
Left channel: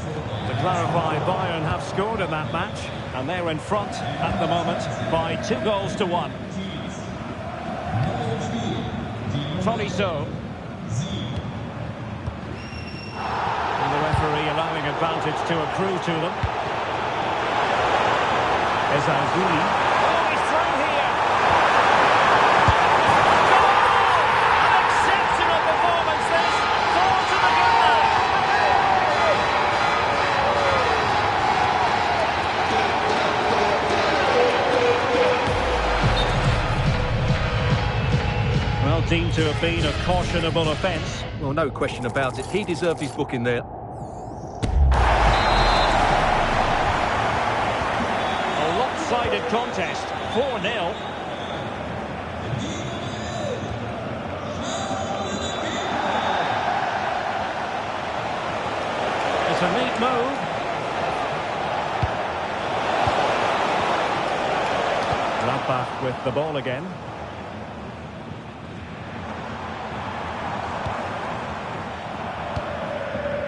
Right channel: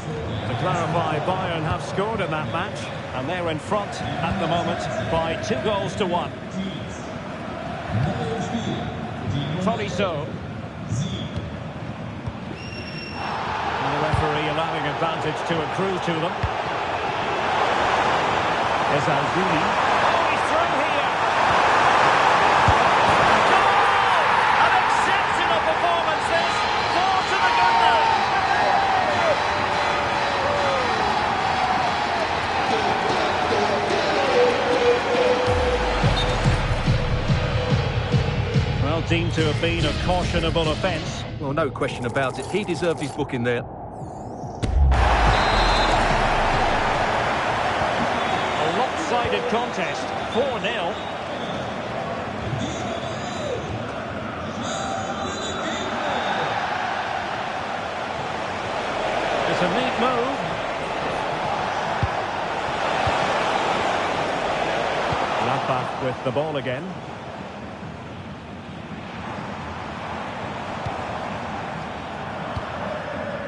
To clarify, Bayern have scored in that match, and they're in front at the moment by 2-1. Tolisso. And the referee allowing advantage to accrue to them. Ezazuli. Oh, he's through here. Goal! deemed to have been a cautionable offence. Well, no question about it. He deserved his booking there. A lopsided contest, 4-0. It's a neat move. Gladbach with the ball again.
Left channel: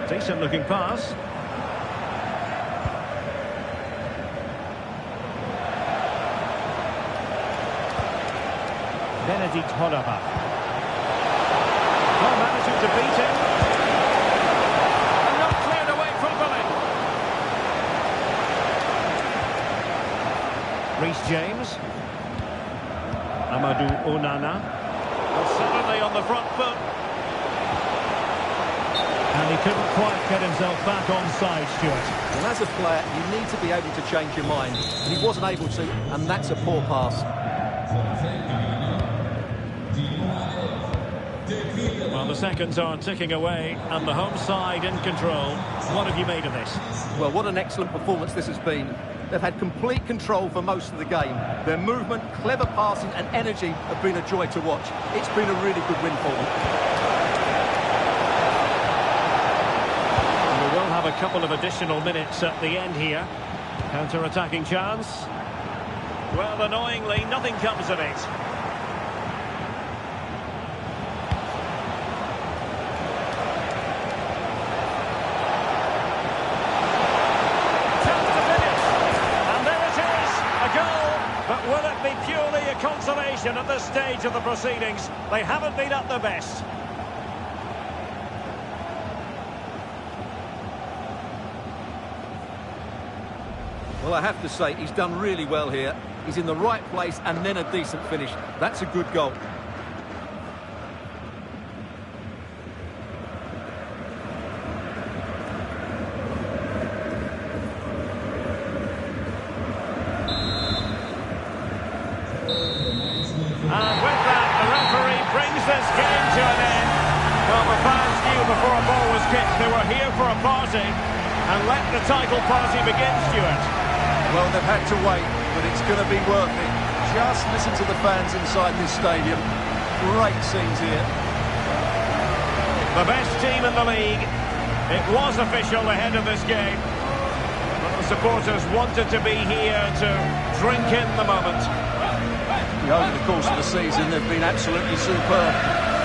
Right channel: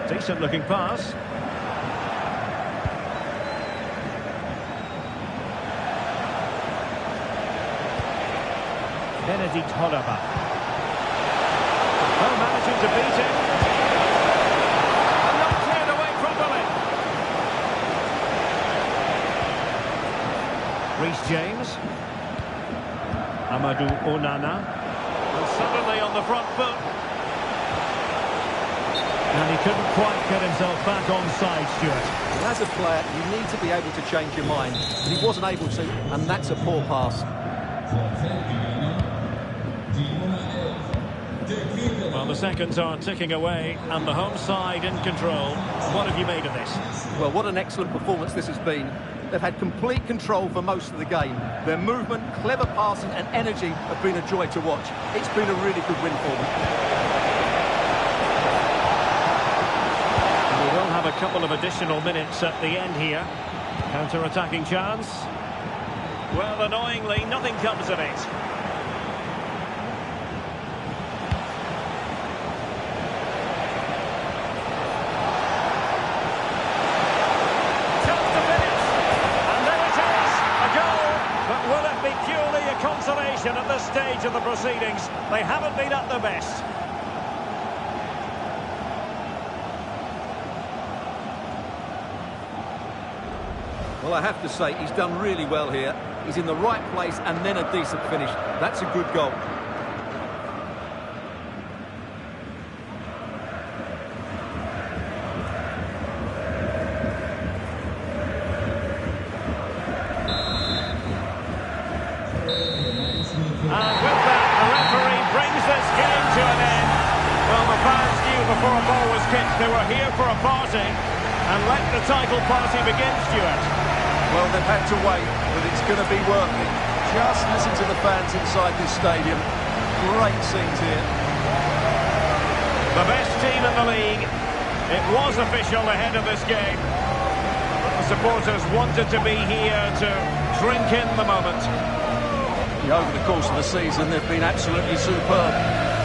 Decent looking pass. Benedict Hollerbach. Well, managing to beat him. And not cleared away properly. Reece James. Amadou Onana. And suddenly on the front foot. And he couldn't quite get himself back on side, Stuart. Well, as a player, you need to be able to change your mind. But he wasn't able to, and that's a poor pass. Well, the seconds are ticking away, and the home side in control. What have you made of this? Well, what an excellent performance this has been. They've had complete control for most of the game. Their movement, clever passing and energy have been a joy to watch. It's been a really good win for them. We will have a couple of additional minutes at the end here. Counter-attacking chance. Well, annoyingly, nothing comes of it. Chance to finish. And there it is, a goal. But will it be purely a consolation at this stage of the proceedings? They haven't been at their best. Well, I have to say, he's done really well here. He's in the right place and then a decent finish. That's a good goal. And with that, the referee brings this game to an end. Well, the fans knew before a ball was kicked they were here for a party. And let the title party begin, Stuart. Well, they've had to wait, but it's going to be worth it. Just listen to the fans inside this stadium. Great scenes here. The best team in the league. It was official ahead of this game. But the supporters wanted to be here to drink in the moment. Yeah, over the course of the season, they've been absolutely superb.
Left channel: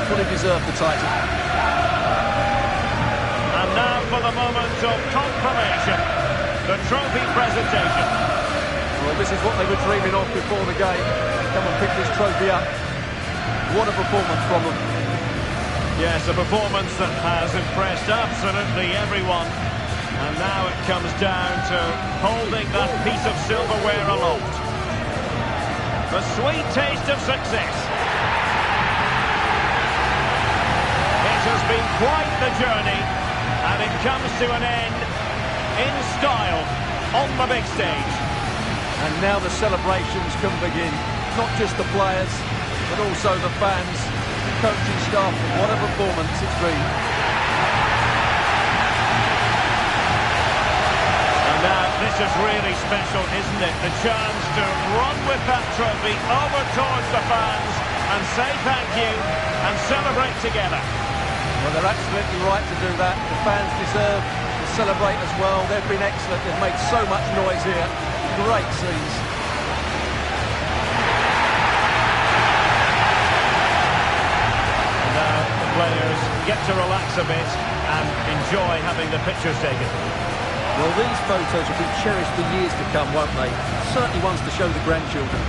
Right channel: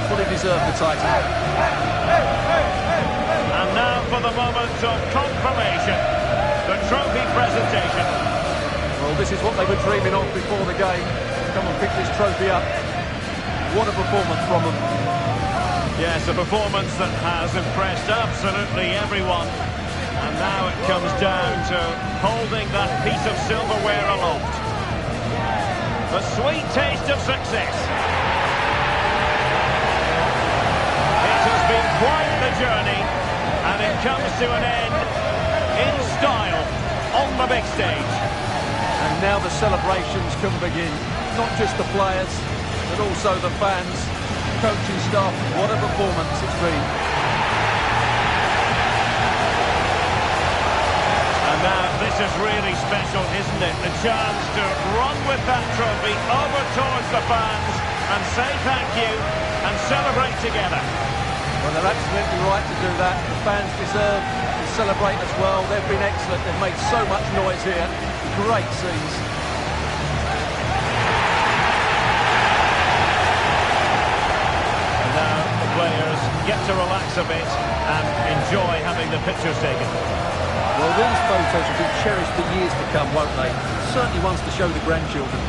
Fully deserved the title. And now for the moment of confirmation. The trophy presentation. Well, this is what they were dreaming of before the game. Come and pick this trophy up. What a performance from them. Yes, a performance that has impressed absolutely everyone. And now it comes down to holding that piece of silverware aloft. The sweet taste of success. It has been quite the journey, and it comes to an end in style on the big stage. And now the celebrations can begin. Not just the players, but also the fans, the coaching staff. What a performance it's been. And now this is really special, isn't it? The chance to run with that trophy over towards the fans and say thank you and celebrate together. Well, they're absolutely right to do that. The fans deserve to celebrate as well. They've been excellent. They've made so much noise here. Great scenes. And now the players get to relax a bit and enjoy having the pictures taken. Well, these photos will be cherished for years to come, won't they? Certainly ones to show the grandchildren.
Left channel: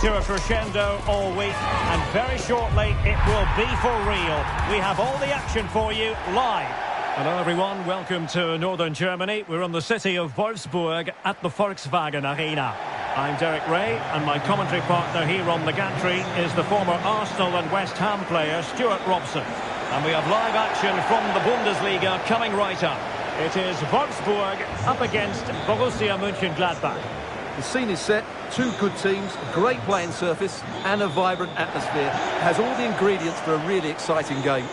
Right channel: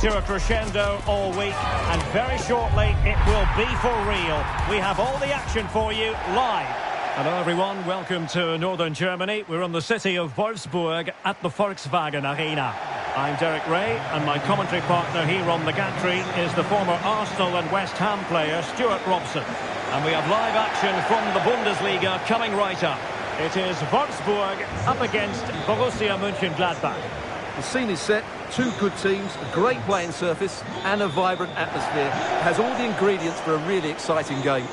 to a crescendo all week, and very shortly it will be for real. We have all the action for you live. Hello everyone, welcome to Northern Germany. We're in the city of Wolfsburg at the Volkswagen Arena. I'm Derek Ray, and my commentary partner here on the gantry is the former Arsenal and West Ham player Stuart Robson. And we have live action from the Bundesliga coming right up. It is Wolfsburg up against Borussia Mönchengladbach. The scene is set, two good teams, a great playing surface and a vibrant atmosphere. It has all the ingredients for a really exciting game.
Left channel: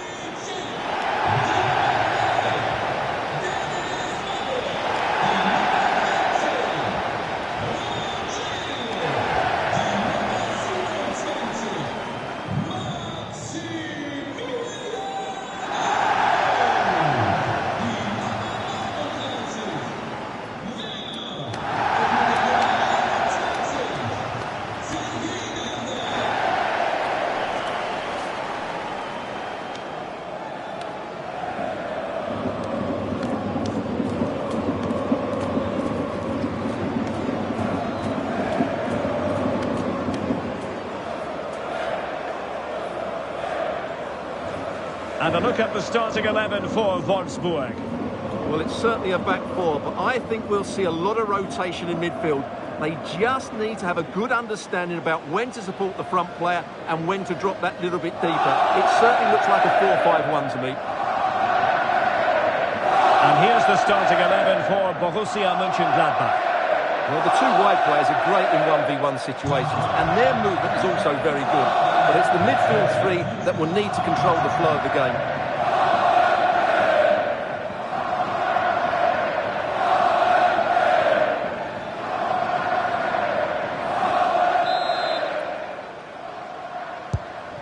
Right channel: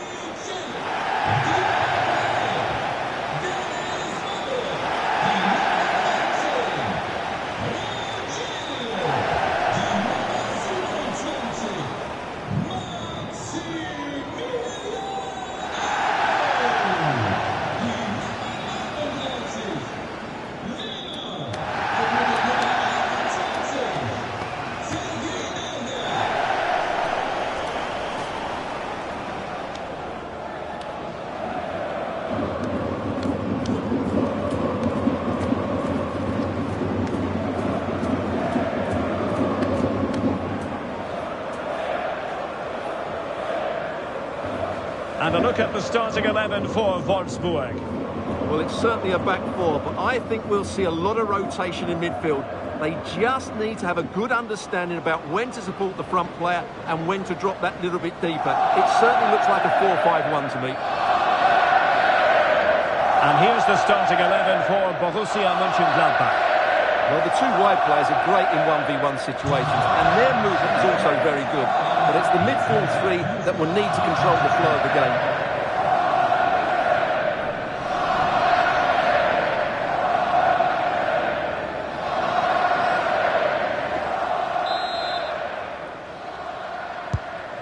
And a look at the starting 11 for Wolfsburg. Well, it's certainly a back four, but I think we'll see a lot of rotation in midfield. They just need to have a good understanding about when to support the front player and when to drop that little bit deeper. It certainly looks like a 4-5-1 to me. And here's the starting 11 for Borussia Mönchengladbach. Well, the two wide players are great in 1v1 situations, and their movement is also very good. But it's the midfield three that will need to control the flow of the game.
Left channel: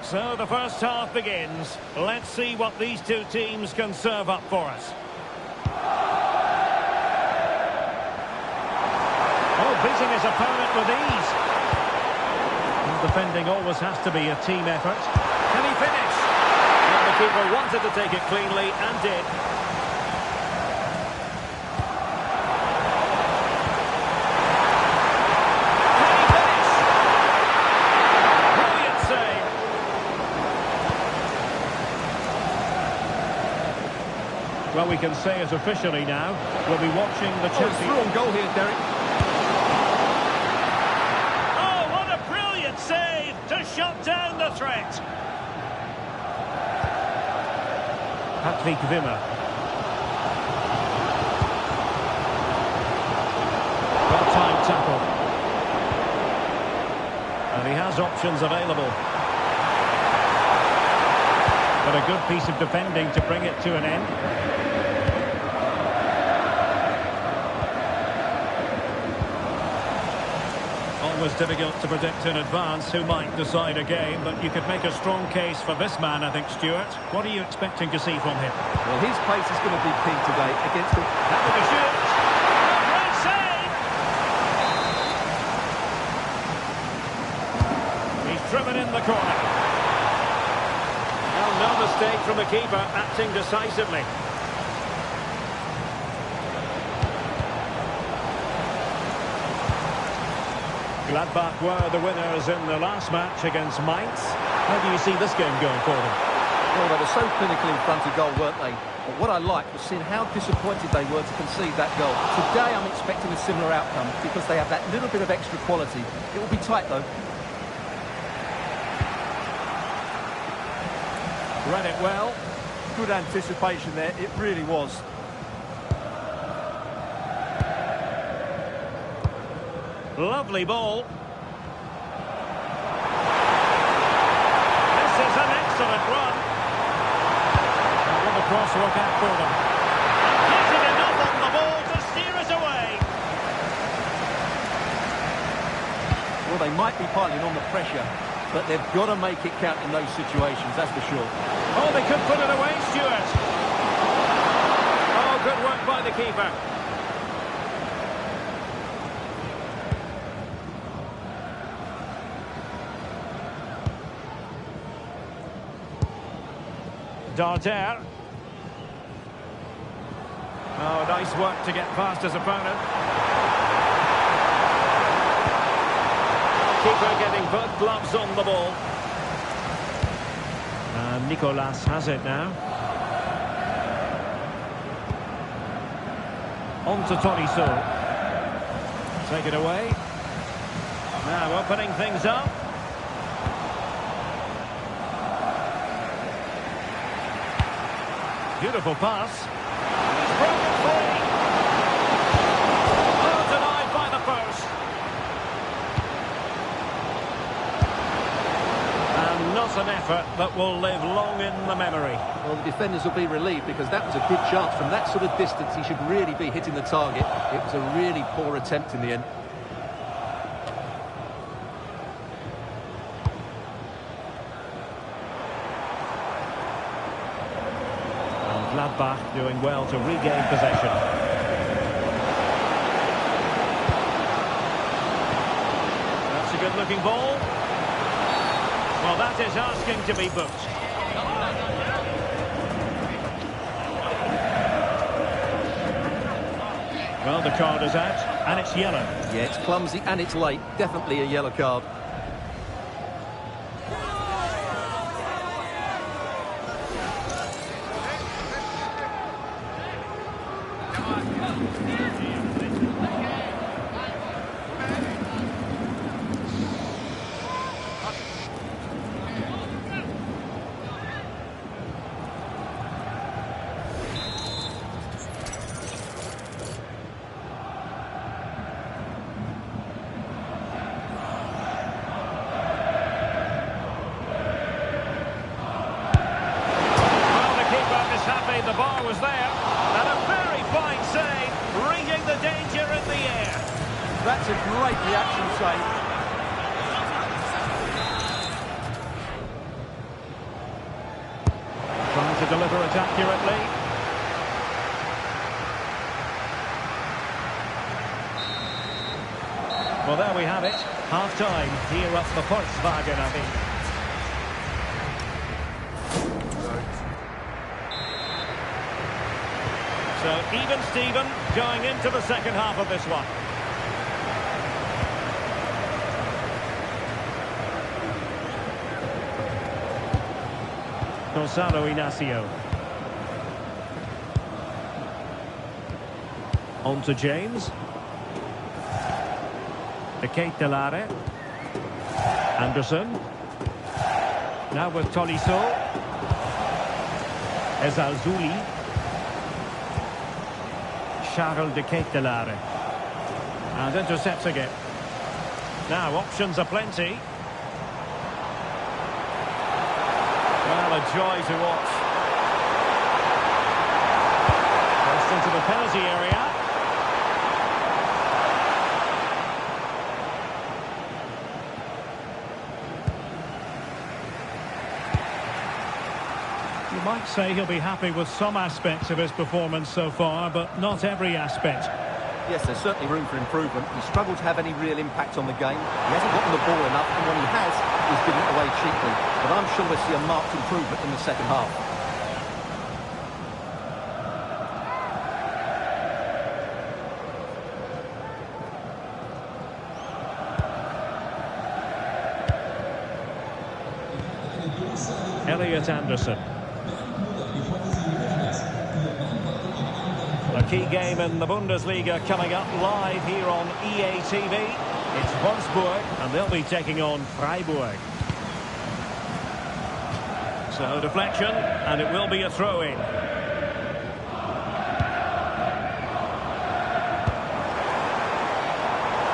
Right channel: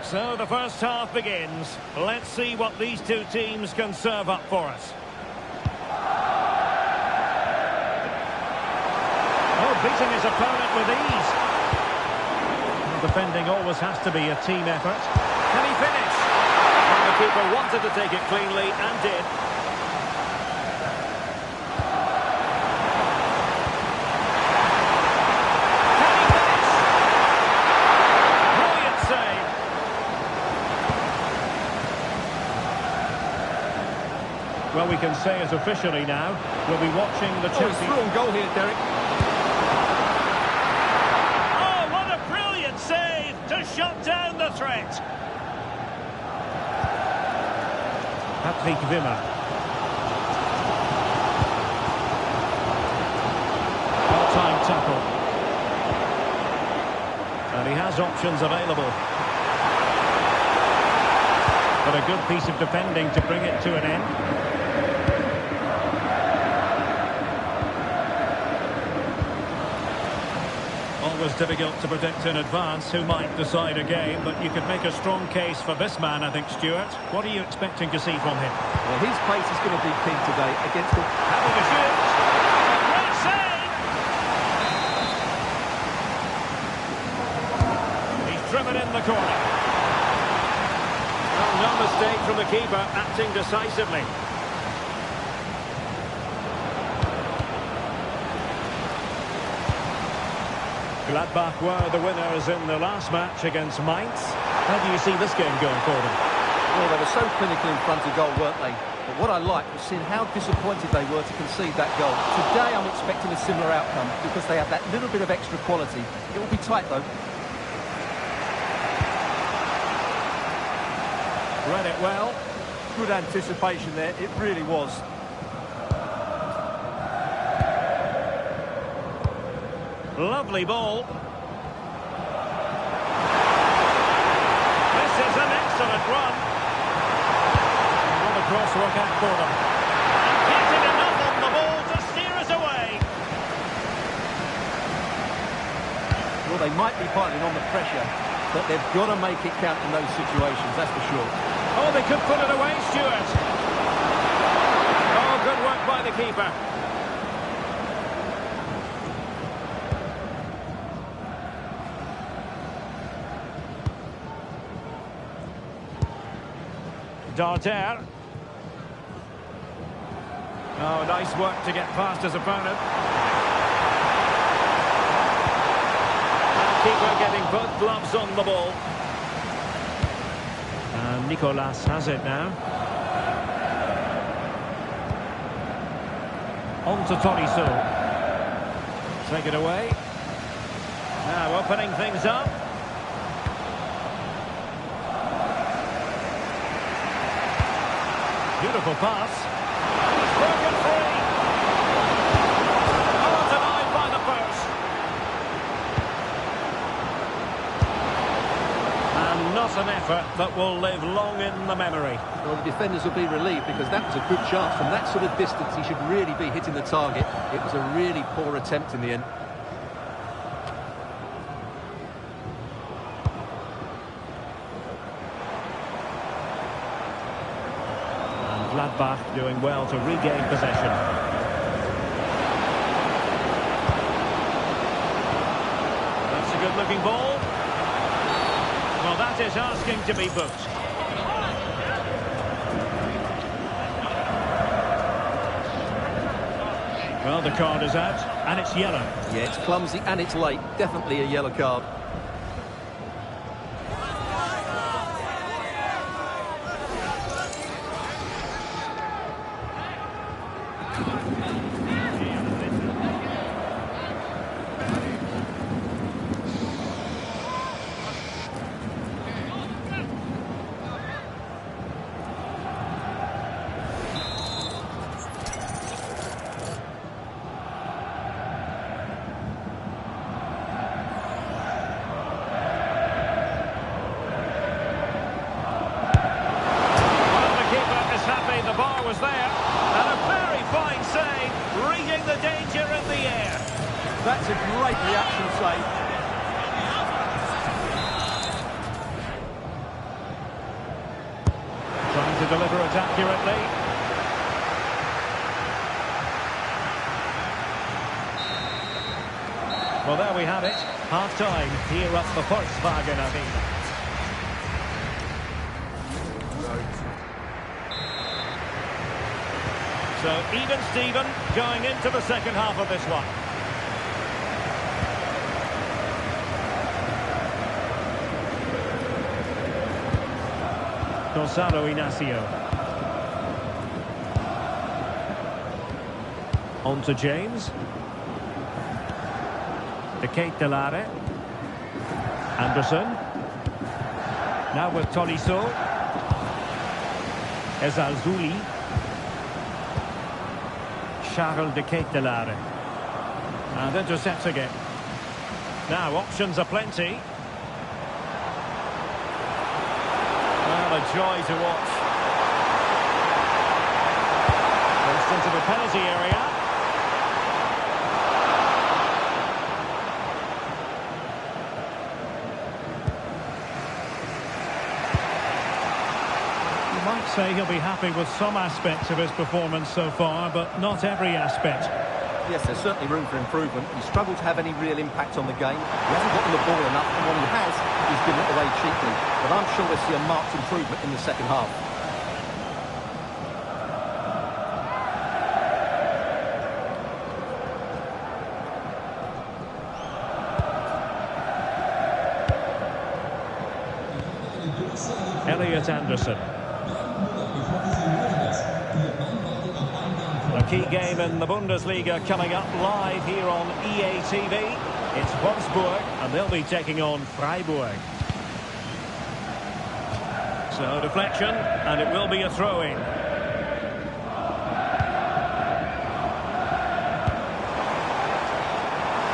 So the first half begins. Let's see what these two teams can serve up for us. Oh, beating his opponent with ease. Well, defending always has to be a team effort. Can he finish? And the keeper wanted to take it cleanly and did. Can he finish? Brilliant save. Well, we can say it officially now. We'll be watching the champion. It's through on goal here, Derek. Save to shut down the threat. Patrick Wimmer. Well-timed tackle. And he has options available. But a good piece of defending to bring it to an end. Always difficult to predict in advance who might decide a game, but you could make a strong case for this man, I think, Stuart. What are you expecting to see from him? Well, his pace is going to be key today against the... Having a shoot. A great save! He's driven in the corner. Well, no mistake from the keeper, acting decisively. Gladbach were the winners in the last match against Mainz. How do you see this game going for them? Well, they were so clinical in front of goal, weren't they? But what I liked was seeing how disappointed they were to concede that goal. Today I'm expecting a similar outcome because they have that little bit of extra quality. It will be tight, though. Read it well. Good anticipation there, it really was. Lovely ball. This is an excellent run. What a cross-work act for them. And getting enough on the ball to steer it away. Well, they might be piling on the pressure, but they've got to make it count in those situations, that's for sure. Oh, they could put it away, Stuart. Oh, good work by the keeper. Darter. Oh, nice work to get past his opponent. Well, keeper getting both gloves on the ball. And Nicolas has it now. On to Tolisso. Take it away. Now opening things up. Beautiful pass. And he's broken free. Oh, denied by the post. And not an effort that will live long in the memory. Well, the defenders will be relieved because that was a good chance. From that sort of distance, he should really be hitting the target. It was a really poor attempt in the end. And Gladbach doing well to regain possession. That's a good-looking ball. Well, that is asking to be booked. Well, the card is out, and it's yellow. Yeah, it's clumsy and it's late. Definitely a yellow card. Happy the bar was there, and a very fine save, reading the danger in the air. That's a great reaction save. Trying to deliver it accurately. Well, there we have it, half-time here at the Volkswagen Arena. So, even Steven going into the second half of this one. Gonzalo Inacio. On to James. De Ketelare. Anderson. Now with Tolisso. Ezalzouli. Charles de Ketelare. And intercepts again. Now options are plenty. Well, a joy to watch. First into the penalty area. You might say he'll be happy with some aspects of his performance so far, but not every aspect. Yes, there's certainly room for improvement. He's struggled to have any real impact on the game. He hasn't gotten the ball enough, and when he has, he's given it away cheaply. But I'm sure we'll see a marked improvement in the second half. Elliot Anderson. A key game in the Bundesliga coming up live here on EA TV. It's Wolfsburg, and they'll be taking on Freiburg. So deflection, and it will be a throw-in.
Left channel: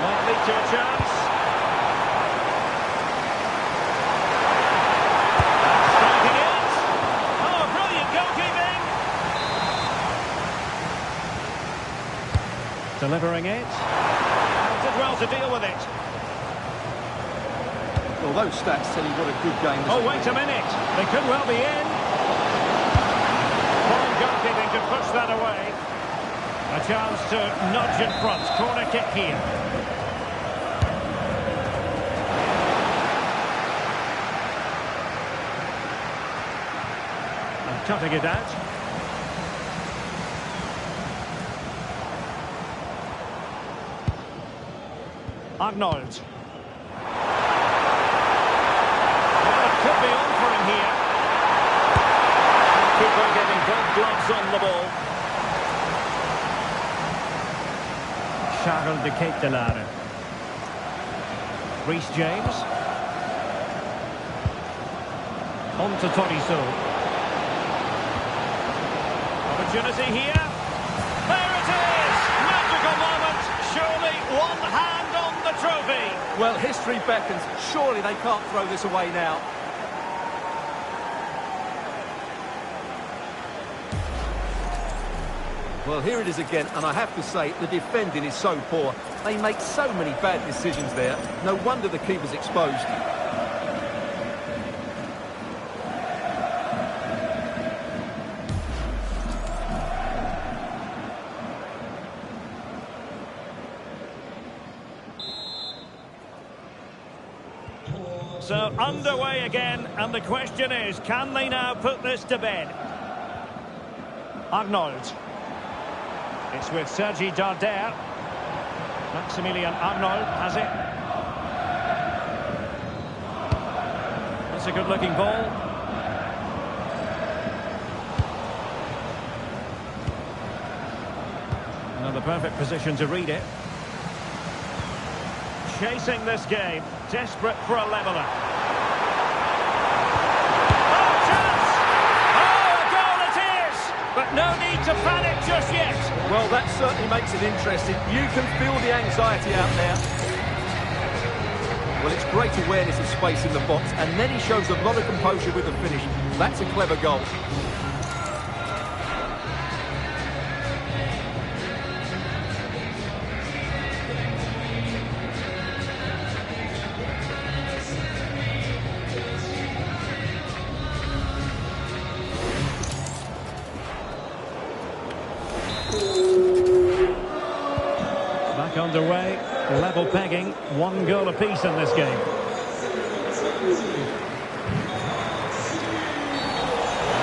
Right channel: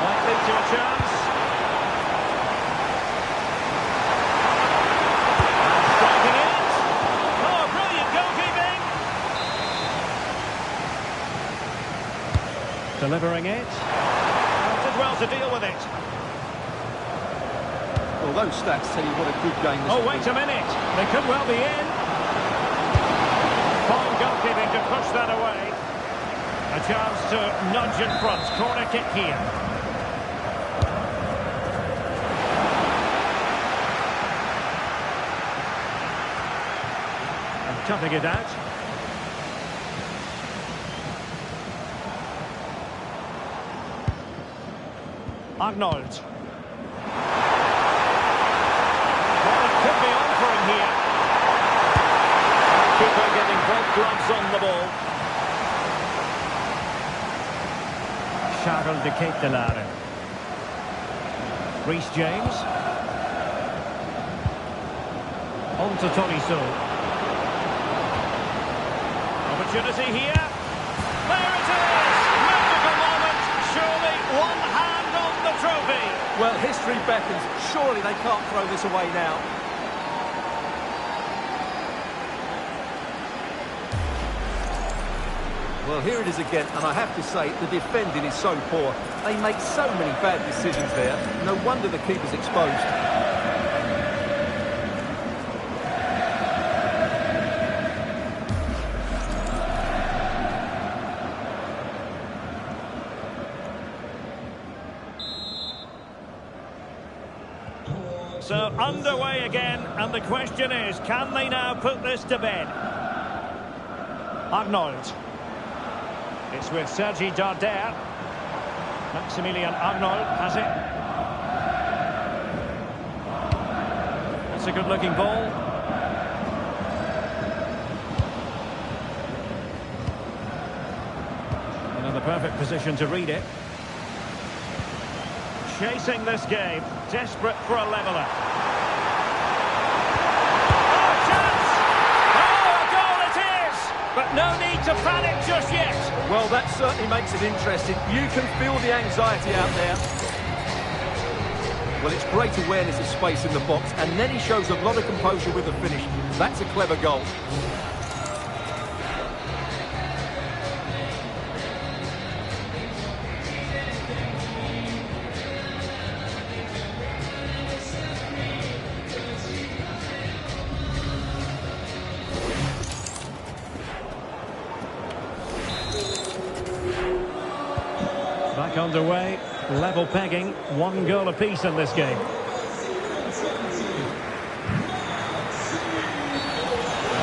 Might lead to a chance. And striking it. Oh, brilliant goalkeeping. Delivering it. Did well to deal with it. Well, those stats tell you what a good game this is. Oh, wait a minute. They could well be in. Fine goalkeeping to push that away. A chance to nudge in front. Corner kick here. And cutting it out. Arnold. Keeper getting both gloves on the ball. Charles de Ketelaere. Reece James. On to Tolisso. Opportunity here. There it is! Magical moment. Surely one hand on the trophy. Well, history beckons. Surely they can't throw this away now. Well, here it is again, and I have to say, the defending is so poor. They make so many bad decisions there. No wonder the keeper's exposed. So underway again, and the question is, can they now put this to bed? Arnold. It's with Sergi Darder. Maximilian Arnold has it. That's a good-looking ball. Another perfect position to read it. Chasing this game, desperate for a leveller. Oh, chance! Oh, a goal it is! But no need to panic just yet. Well, that certainly makes it interesting. You can feel the anxiety out there. Well, it's great awareness of space in the box, and then he shows a lot of composure with the finish. That's a clever goal. Back underway, level pegging, 1 goal apiece in this game. And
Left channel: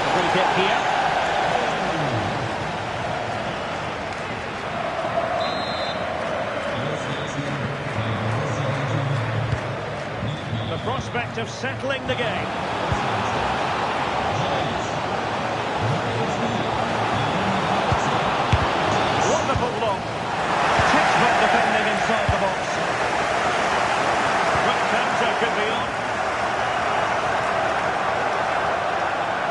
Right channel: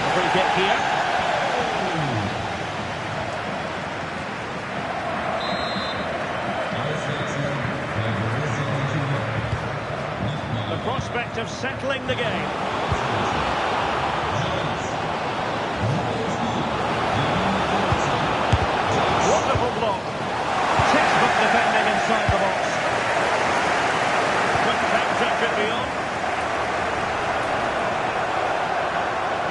a free kick here. The prospect of settling the game. Wonderful block. Textbook defending inside the box. Quick counter could be on.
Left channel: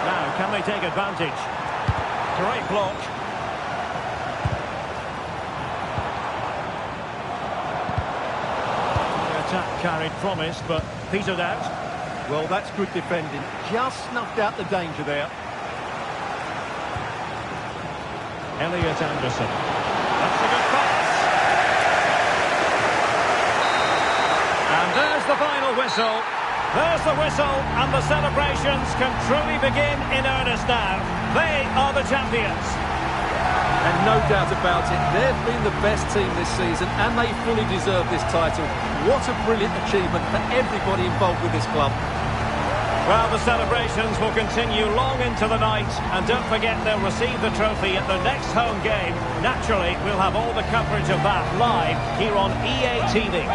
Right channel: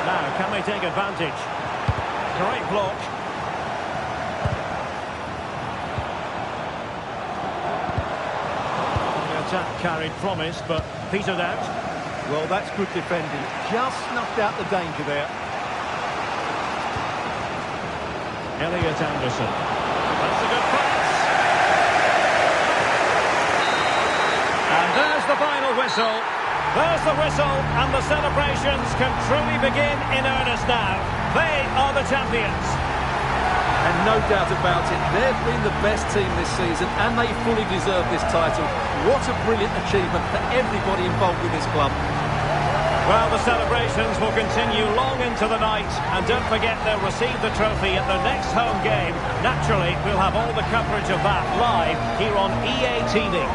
Now, can they take advantage? Great block. The attack carried promise, but petered out. Well, that's good defending. Just snuffed out the danger there. Elliot Anderson. That's a good pass. And there's the final whistle. There's the whistle, and the celebrations can truly begin in earnest now. They are the champions. And no doubt about it, they've been the best team this season, and they fully deserve this title. What a brilliant achievement for everybody involved with this club. Well, the celebrations will continue long into the night, and don't forget they'll receive the trophy at their next home game. Naturally, we'll have all the coverage of that live here on EA TV.